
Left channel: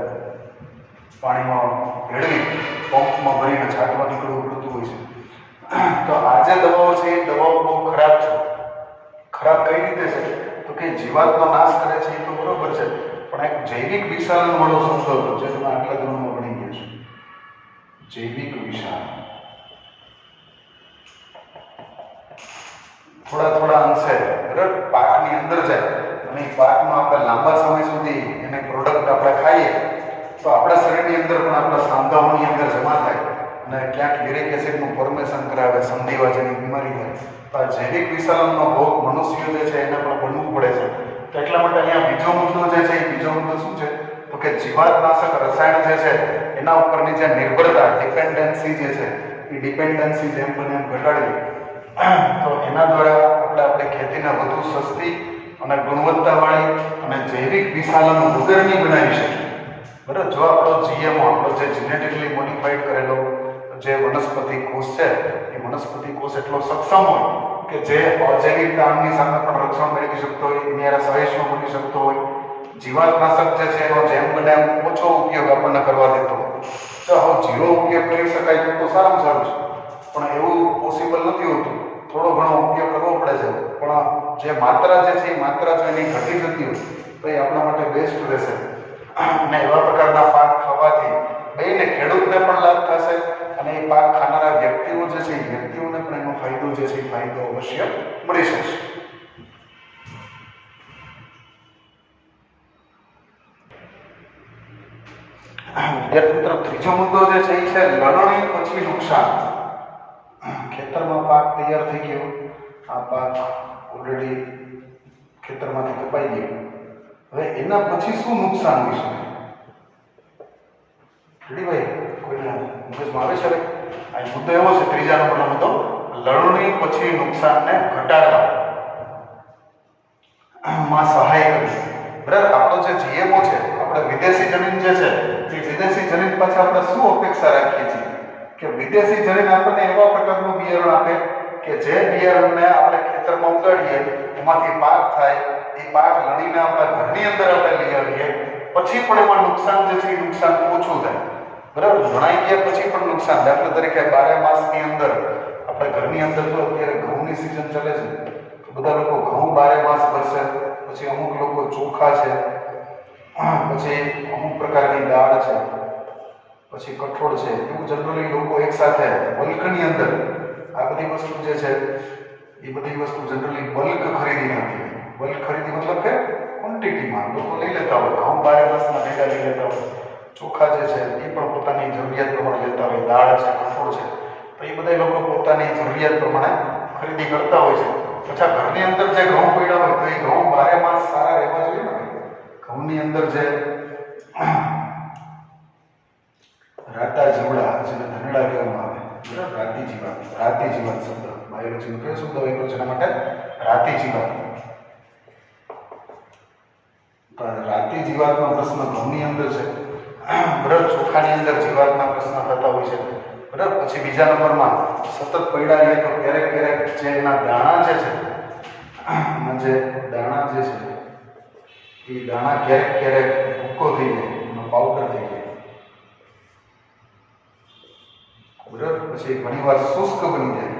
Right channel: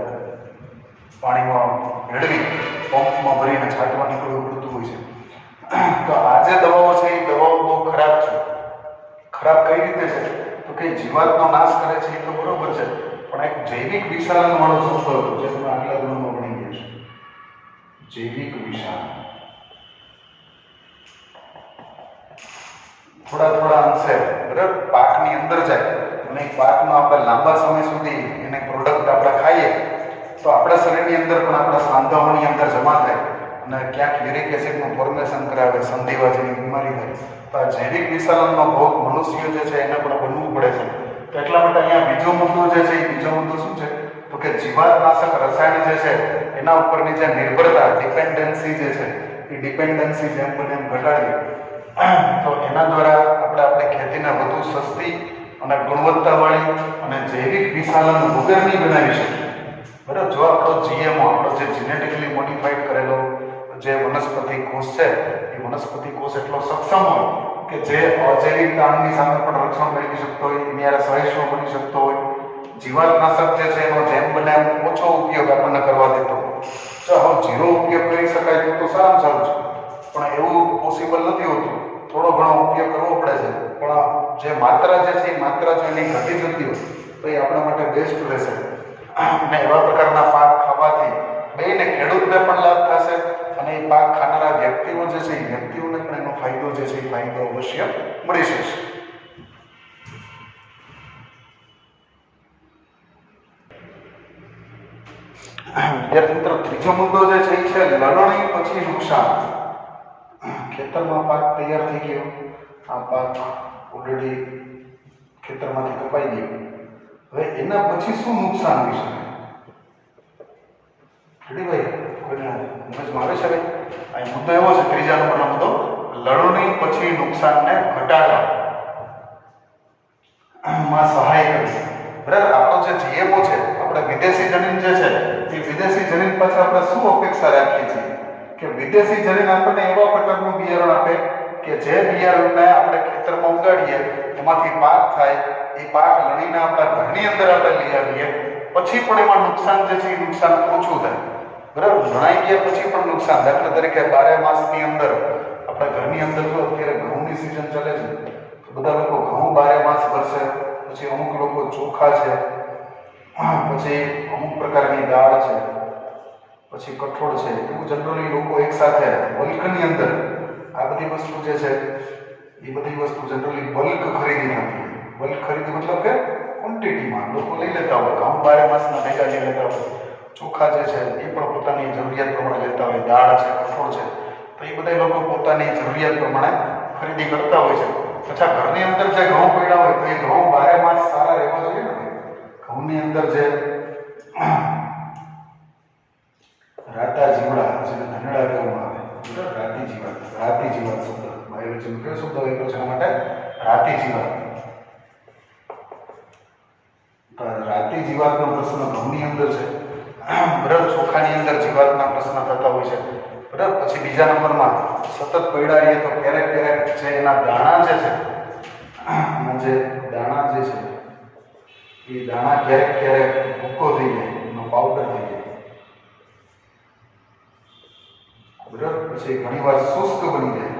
પાણીમાં ભેળવી પંપમાં ભરીને છાંટવા નીકળવું પડતું હોય છે. તો આ જે દવાઓ છે એ દવાઓ બહુ ખરાબ છે. ખરાબ કઈ રીતે છે તો કે જીવાતનો નાશ કરે છે એ તો બરોબર છે, પણ એક જૈવિક વિશાલન વાળો શબ્દ હતો જે તમે આટલા ધોરણમાં ભણી ગયા છો. જૈવિક વિશાલન થોડા અંશે બરાબર પાકની અંદર જાય અને પાકમાં આપણે લાંબા સમય સુધી એને પ્રોડક્ટ આપણે ખાઈએ તો આપણા શરીરની અંદર પણ આપણા સાંધાઓની અંદર જમા થાય અને ક્યાંક યુરિક એસિડનું ફોર્મેશન કરાવે, સંધિવા જેવી બીમારી થાય. તો આ જૈવિક વિશાલનનો ભોગ મનુષ્ય જે છે એને પણ બનવું પડે છે. તો એટલા માટે અહીંયા બીજો મુદ્દો જે છે એ બીજો મુદ્દો શું છે તો કે જીવાતનાશક રસાયણ જે છે એના ઉપરની જે નિર્ભરતા, ડિપેન્ડન્સી જે છે એ ડિપેન્ડન્સી જેમ બને એમ ઘટાડવી. તો એના દ્વારા આપણે આપણી ખેતીને વધુ સસ્તી અને ગુણવત્તાવાળી અને જૈવિક વિશાલન વગરની બનાવી શકીએ. બરાબર. જો આપણો જીએમઓ, આપણો જે જેનેટિકલી મોડિફાઈડ કરેલો જે વનસ્પતિ કોષ છે એ વનસ્પતિ કોષ એટલો સક્ષમ હોય કે જે અજૈવિક તાણની સામે પણ રક્ષણ મેળવી શકતો હોય, એની યાર સહિષ્ણુ બની શકતો હોય, જીવાતનાશક જે છે એનો જેમ બને એમ ઓછો ઉપયોગ આપણને કરવા દેતો હોય. જો હવે ઝીરો ઉપયોગ કરી શકાય તો સારામાં સારું છે, પણ એવું પોસિબલ નથી હોતું. થોડો ઘણો ઉપયોગ કરવો પડે છે, પણ જે માત્રા જે છે એ માત્રા જો એની ઘટી જતી હોય તો એ આપણા માટે બેસ્ટ રહેશે. અને એવા પ્રકારના પાક ખાવાથી બેને ખેડૂતને પણ લાભ થશે અને એ પાક ખાનારા વ્યક્તિઓ જે છે એ વ્યક્તિઓને પણ એનો ફાયદો જે છે એ ફાયદો અવશ્ય મળી શકશે. વિદ્યાર્થી મિત્રો, ત્રીજો મુદ્દો જે છે એ છે લણણી પછી નુકસાન. ખેતરમાં પાક તૈયાર થઈ ગયો, આ પાક ઓલરેડી ખેતરમાંથી કપાઈ ગયો, હવે એના પછી શું નુકસાન હોઈ શકે? ભાઈ કોઈને મગજમાં આવે છે? આ મુદ્દો એવો છે, ત્રીજા નંબરનો મુદ્દો, લણણી પછી નુકસાનને ઘટાડવામાં સહાય કરવી. બરાબર. આપણો જે જીએમઓ છે, આપણે વિદેશી જમીન જે છે એ વિદેશી જમીન પાછળ આપણે શું અપેક્ષા રાખીએ છીએ કે વિદેશી જમીન આપણને એવા પ્રકારનું બિયારણ આપે કે જે બિયારણને આપણે ખેતરમાં ઉગાડીએ એમાંથી પાક થાય, એ પાક લણીને આપણા ઘરની અંદર આપણે લઈ આવીએ, પછી પણ એમાં નુકસાન જે છે એ નુકસાન ઓછું થાય. બરાબર. લણાઈ ગયા પછી પણ નુકસાન, દાખલા તરીકે 12 માસની અંદર આપણે ઘરની અંદર જો અત્યારે ઘઉંની સિઝન ચાલે છે તો બધા લોકો ઘઉં 12 માસ ભરશે. પછી અમુક લોકો ચોખા છે, પછી અમુક પ્રકારની દાળ છે, પછી કઠોળ છે, એવું જનરલી લોકો એકસાથે બલ્કની અંદર આ બધી વસ્તુ જે છે એ બધી વસ્તુ જનરલી બલ્ક ખરીદી થતી હોય. બલ્ક ખરીદી મતલબ કે ક્વોન્ટિટીમાં લોકો લઈ લેતા હોય. ઘઉં 12 માસના ભેગા લઈ લેતા હોય, ચોખા જે છે એ પણ પોતાની જરૂરિયાત પ્રમાણે લેતા હોય, દાળ છે, કઠોળ છે, તો એ બધા લોકો પોતાની જરૂરિયાત પ્રમાણે ખરીદી કરતા હોય છે. અચ્છા, ઘરની અંદર જે ઘઉં પડ્યા હોય તો એ ઘઉં 12 માસ સારા રહેવા જોઈએ ને. ઘઉંની અંદર જે રાતા જીવડા, જેને ધનેડા કહેવામાં આવે, બરાબર, રાતી જીવાત શબ્દ બાયોલોજીમાં કયો શબ્દ વાપર્યો છે એના માટે? રાતી જીવાત. તો રાતી જીવાતનો પ્રશ્ન ઘઉંની અંદર છે. બરાબર. ચોખાની અંદર જીવાતના પ્રશ્ન થતા હોય છે. બરાબર. પછી બીજા નંબરમાં સતત પડ્યા રહીએ તો ક્યારેક જે એના દાણા જે છે, જે દાણા જે છે એ દાણા ક્યારેક ભૂકો થઈ જાય, એનો પાવડર થઈ જાય. પછી ઘણીવાર શુષ્ક બની જાય,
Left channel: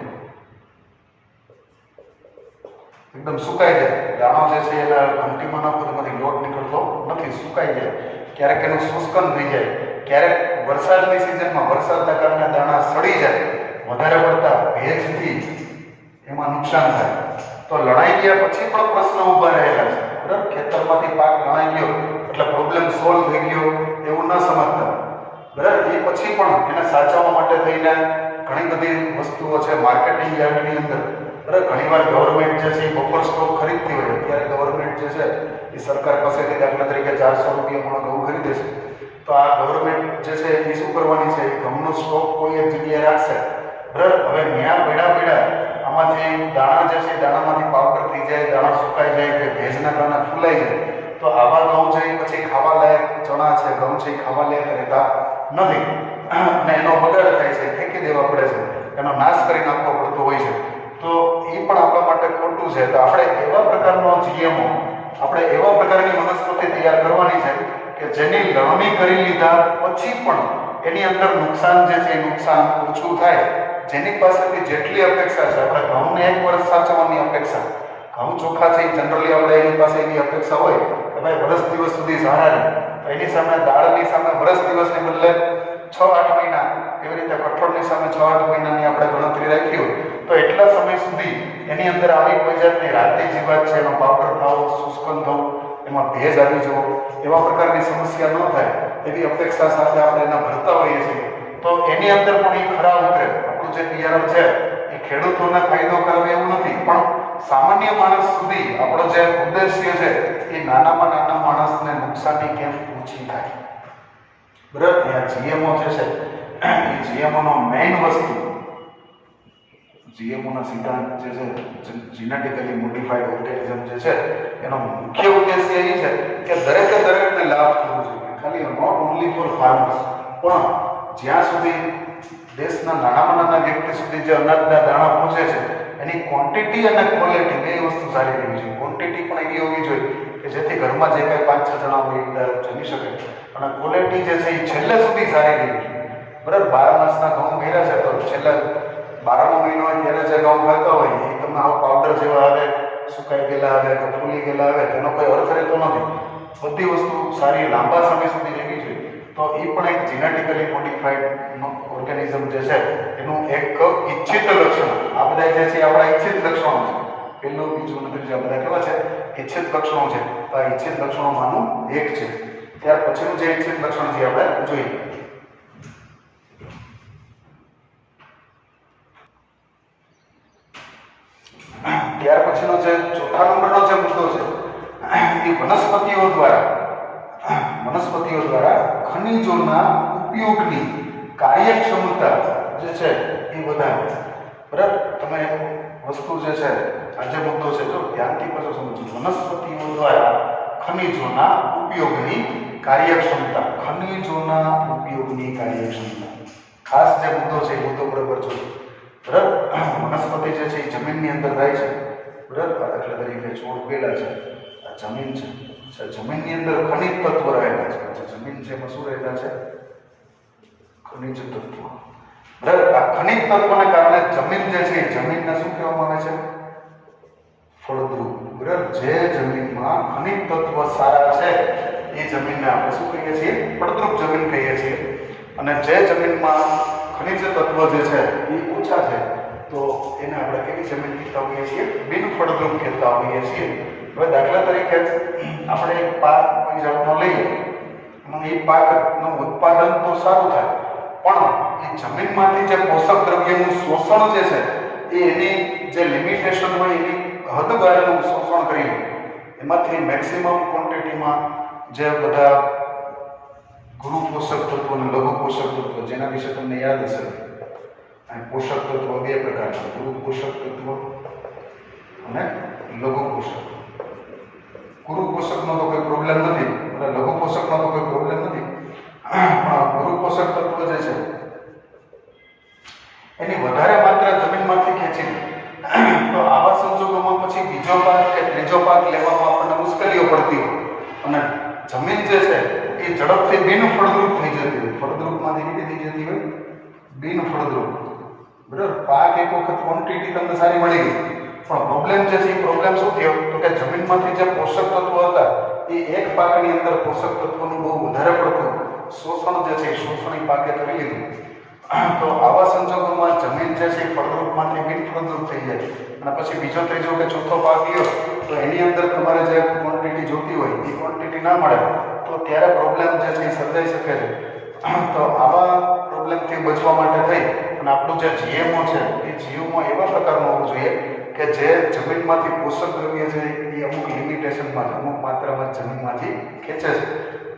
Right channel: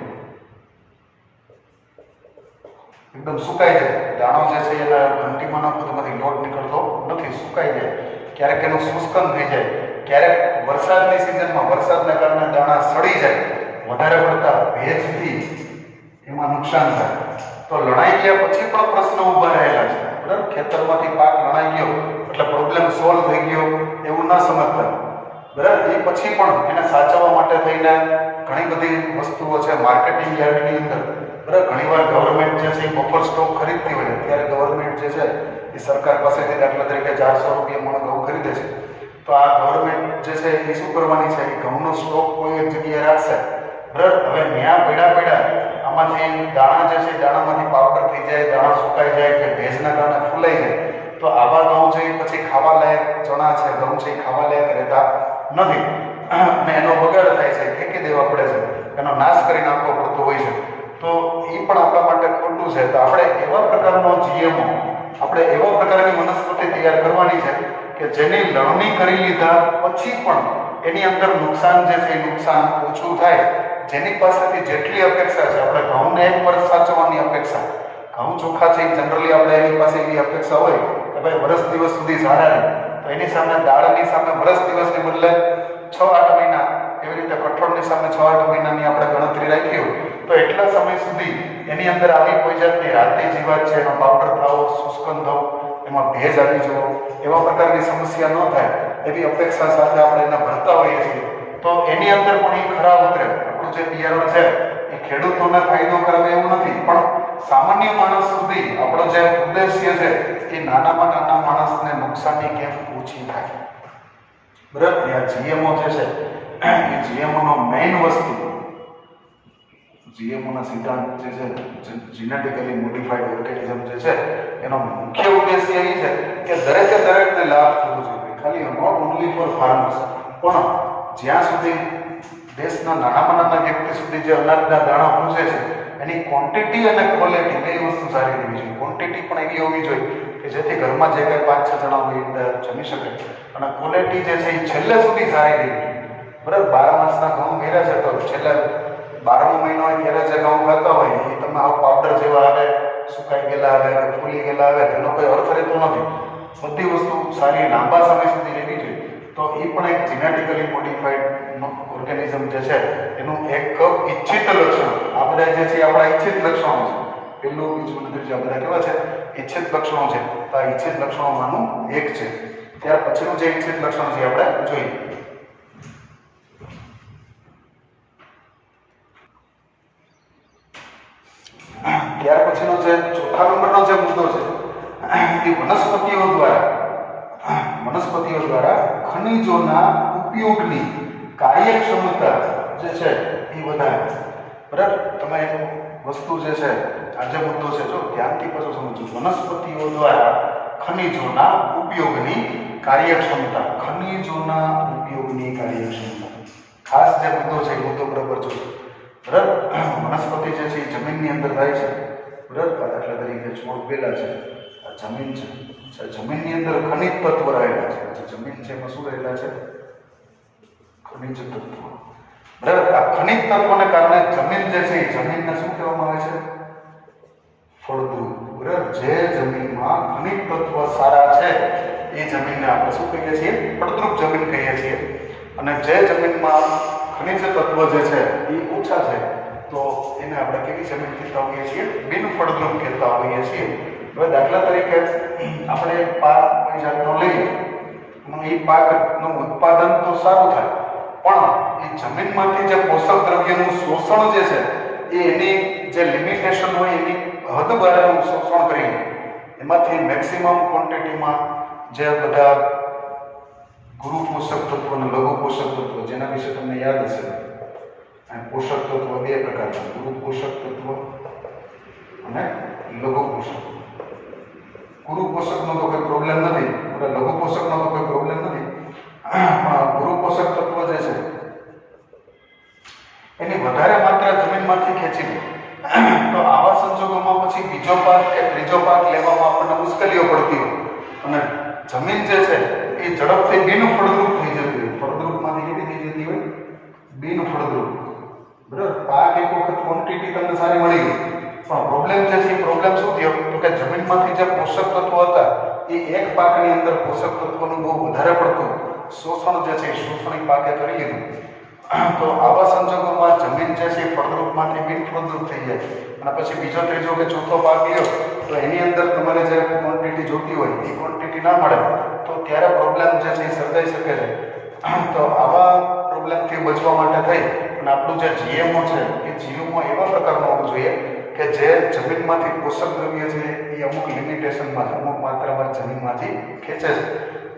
એકદમ સુકાઈ જાય. દાણો જે છે એના ઘંટીમાં નાખો તો એમાંથી લોટ નીકળતો નથી, સુકાઈ જાય. ક્યારેક એનું શુષ્કન થઈ જાય, ક્યારેક વરસાદની સિઝનમાં વરસાદના કારણે દાણા સડી જાય, વધારે પડતા ભેજથી એમાં નુકસાન થાય. તો લણાઈ ગયા પછી પણ પ્રશ્ન ઊભા રહેલા છે. બરાબર, ખેતરમાંથી પાક લણાઈ ગયો એટલે પ્રોબ્લેમ સોલ્વ થઈ ગયો એવું ન સમજતા. બરાબર, એ પછી પણ એને સાચવવા માટે થઈને ઘણી બધી વસ્તુઓ છે માર્કેટિંગ યાર્ડની અંદર. બરાબર, ઘણીવાર ગવર્મેન્ટ જે છે એ બફર સ્ટોક ખરીદતી હોય. અત્યારે ગવર્મેન્ટ જે છે એ સરકાર પાસેથી દાખલા તરીકે 400 રૂપિયા મણ ઘઉં ખરીદે છે. તો આ ગવર્મેન્ટ જે છે એ શું કરવાની છે, એ ઘઉંનો સ્ટોક કોઈ એક જગ્યાએ રાખશે. બરાબર, હવે ત્યાં પડ્યા આમાંથી દાણા જે છે દાણામાંથી પાવડર થઈ જાય, દાણા સુકાઈ જાય કે ભેજના કારણે ફૂલાઈ જાય, તો આવા ઘઉં છે પછી ખાવા લાયક ચણા છે, ઘઉં છે ખાવા લાયક રહેતા નથી અને એનો બગાડ થાય છે, ફેંકી દેવા પડે છે, એનો નાશ કરી નાખવો પડતો હોય છે. તો એ પણ આપણા માટે ખોટું છે. તો આપણે એવા પ્રકારનો જીએમઓ, આપણે એવા પ્રકારની વનસ્પતિ તૈયાર કરવાની છે કે જેની લણણી કરી લીધા પછી પણ એની અંદર નુકસાન જે છે એ નુકસાન ઓછું થાય. જેની પાસેથી જેટલી અપેક્ષા છે, આપણે ઘઉંને 1 વર્ષ સાચવવાની અપેક્ષા, ઘઉં ચોખ્ખા છે એ જનરલી આપણે એની પાસે એવી અપેક્ષા હોય કે ભાઈ વર્ષ દિવસ સુધી સારા રહે. તો એની સામે દાળની સામે વર્ષ દિવસની બદલે 6-8 મહિના, એવી રીતે કઠોળની સામે 6-8 મહિનાની આપણે ગણતરી રાખી હોય તો એટલા સમય સુધી એની અંદર આવી કોઈ જાતની રાતી જીવાત છે એનો પાવડર થવો, શુષ્કન થવું, એમાં ભેજ આવી જવો, એવા પ્રકારની સમસ્યા ન થાય એવી અપેક્ષા સાથે આપણે એને ભરતા હોઈએ છીએ. તો એની અંદર પણ એ ખરા ઉતરે. આપણું જે બિયારણ છે એ ખેડૂતોને ફાયદો કરાવે એવું નથી, પણ સામાન્ય માણસ સુધી આપણો જે ઉદ્દેશ્ય છે એ નાનામાં નાના માણસને નુકસાની કેમ ઓછી થાય. બરાબર, આ જીએમઓ જે છે એ જીએમઓનો મેઇન વસ્તુ, જીએમઓના સિદ્ધાંત જે છે જીનેટિકલી મોડિફાઈડ ઓર્ગેનિઝમ જે છે એનો મુખ્ય ઉદ્દેશ્ય એ છે કે દરેકને લાભ થવો જોઈએ. ખાલી નોટ ઓનલી ફોર ફાર્મર્સ, પણ જ્યાં સુધી દેશના નાનામાં નાના વ્યક્તિ સુધી જે અનાજના દાણા પહોંચે છે એની ક્વોન્ટિટી અને ક્વોલિટી બે વસ્તુ સારી રહેવી જોઈએ. ક્વોન્ટિટી પણ એવી હોવી જોઈએ કે જેથી ઘરમાં જે કાંઈ 5-6 જણા હોય જમી શકે, અને ક્વોલિટી જે છે એ છેલ્લે સુધી સારી રહેવી જોઈએ. બરાબર, 12 માસના ઘઉં મેળ્યા છે તો છેલ્લે 12મો મહિનો હોય ત્યારે જે ઘઉં ખાતા હોય એ તમે આવું પાવડર જેવા આવે, સુકાઈ ગયેલા આવે કે ફૂલી ગયેલા આવે, તેનો કોઈ અર્થ રહેતો નથી. બધી વસ્તુ સારી લાંબા સમય સુધી રહેવી જોઈએ. તો એ પણ એક જીનેટિકલી મોડિફાઈડ ઓર્ગેનિઝમ જે છે એનું એક ઈચ્છિત લક્ષણ. આ બધા જે છે આપણા ઈચ્છિત લક્ષણો છે. પહેલું, બીજું અને ત્રીજું બધા કેવા છે? ઈચ્છિત લક્ષણો છે. તો આ ઈચ્છિત લક્ષણોમાંનું એક છે. ત્યાર પછીનું જે ઈચ્છિત લક્ષણ છે આપણે જોઈએ. ત્યાર પછીનો જે ચોથા નંબરનો જે મુદ્દો છે એ વનસ્પતિઓ દ્વારા ખનિજોના ઉપયોગની કાર્યક્ષમતા જે છે એ વધારે. બરાબર, તમે વસ્તુ જે છે આ જે મુદ્દો છે જો ધ્યાનથી પાછો સમજો. વનસ્પતિઓ દ્વારા ખનિજોના ઉપયોગની કાર્યક્ષમતા, ખનિજોના ઉપયોગની કાર્યક્ષમતા ખાસ જે મુદ્દો છે એ મુદ્દો બરાબર જોજો. બરાબર, વનસ્પતિ જે છે એ જમીનની અંદર થાય છે. બરાબર, દાખલા તરીકે છોડ પેલા છે, આ જમીન છે, જમીનની અંદર ખનિજ તત્વ રહેલા છે. જમીન છે એમાં શું રહેલા છે? ખનિજ તત્વ. બરાબર, આ ખનિજ તત્વને કારણે જમીન જે છે એ જમીનને શું કહેવામાં આવે છે? ફળદ્રુપ. બરાબર, જે જમીનમાં ખનિજ તત્વ સારા છે એ જમીનને આપણે શું કહીએ છીએ? ફળદ્રુપ જમીન કહીએ છીએ. અને જે જમીનમાં ખનિજ તત્વ જે છે એ ઓછા છે તો એને આપણે કેવી જમીન કહેતા હોઈએ છીએ? બિન ફળદ્રુપ કહેતા હોઈએ છીએ. હવે દાખલા તરીકે આપણે એક પાક કોઈ જાતનો લઈએ અને એ પાકનું ઉત્પાદન તો સારું થાય, પણ એ જમીનમાંથી જે પોષક દ્રવ્યનું શોષણ જે છે એ એની જે લિમિટેશન હોય એની હદ બહારનું શોષણ કરી એમાંથી મેક્સિમમ ક્વોન્ટિટીમાં જે બધા ગુરુ પોષક તત્વ અને લઘુ પોષક તત્વ, જેના વિશે તમને યાદ હશે, પોષક તત્વ બે પ્રકારના, ગુરુ પોષક તત્વ અને લઘુ પોષક. ગુરુ પોષકનો તો કોઈ પ્રોબ્લેમ નથી, લઘુ પોષકનો તો કોઈ પ્રોબ્લેમ નથી, પણ ગુરુ પોષક તત્વ જે છે એની વધારે માત્રા જમીનમાંથી ખેંચી તો આવા સંજોગોમાં પછી બીજો પાક કે ત્રીજો પાક લેવામાં આપણને મુશ્કેલીઓ પડતી હોય અને જમીન જે છે એ ઝડપથી બિન ફળદ્રુપ થઈ જતી હોય. ફળદ્રુપમાંથી કેવી થઈ જતી હોય? બિન ફળદ્રુપ. બરાબર, પાક એક વખત ક્વોન્ટિટી તમને સારી મળી ગઈ, પણ પ્રોબ્લેમ જે છે એ પ્રોબ્લેમ શું થયો તો કે જમીનમાંથી જે પોષક તત્વો હતા એ એક પાકની અંદર પોષક તત્વોનું બહુ વધારે પડતું શોષણ જે છે એ શોષણ એ પાકે કરી લીધું. તો આવા સંજોગોમાં જમીન જે છે એ ફળદ્રુપમાંથી બિનફળદ્રુપ થઈ જાય અને પછી બીજો ત્રીજો કે ચોથો પાક લ્યો તો એની અંદર તમારે જે ક્વોન્ટિટી જોતી હોય એ ક્વોન્ટિટી ના મળે તો ત્યારે પ્રોબ્લેમ જે છે એ સર્જાઈ શકે છે. તો આવા પ્રોબ્લેમથી બચવા માટે થઈ અને આપણું જે જીએમઓ છે એ જીએમઓ એવા પ્રકારનું હોવું જોઈએ કે જે જમીનમાંથી પોષક દ્રવ્ય છે એ અમુક લિમિટેશનમાં અમુક માત્રામાં જમીનમાંથી ખેંચે છે,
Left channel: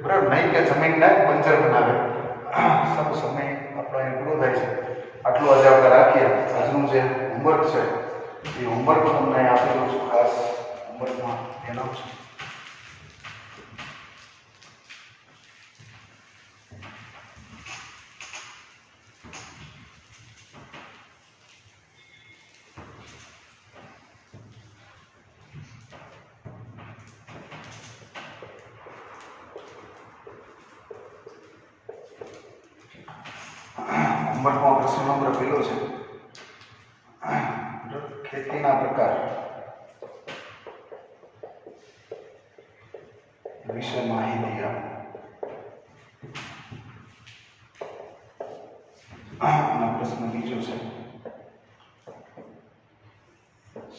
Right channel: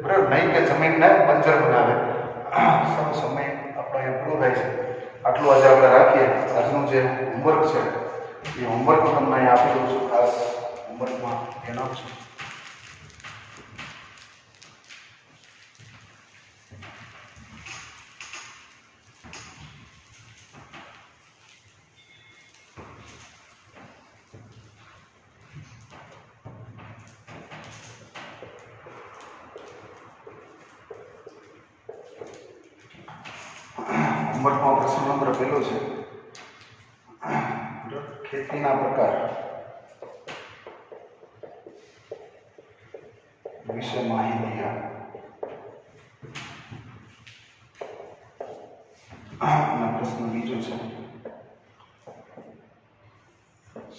બરાબર, નહીં કે જમીનને બંજર બનાવે. સારો સમય આપણો અહીં પૂરો થાય છે. આટલું આજે આપણે રાખીએ. આજનું જે હોમવર્ક છે એ હોમવર્ક તમને અહીં આપી દઉં છું. ખાસ હોમવર્કમાં જણાવશું. હોમવર્કમાં પ્રશ્ન નંબર પહેલો છે, ખેતીના પ્રકાર વિશે માહિતી આપો. અને પ્રશ્ન બીજો છે,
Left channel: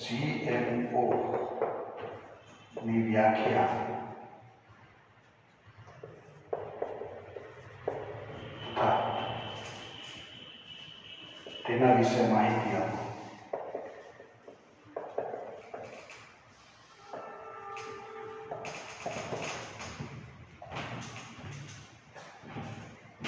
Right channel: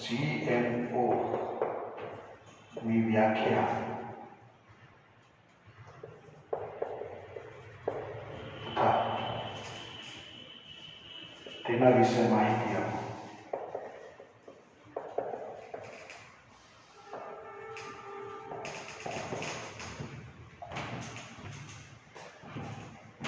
GMO ની વ્યાખ્યા તથા તેના વિશે માહિતી આપો.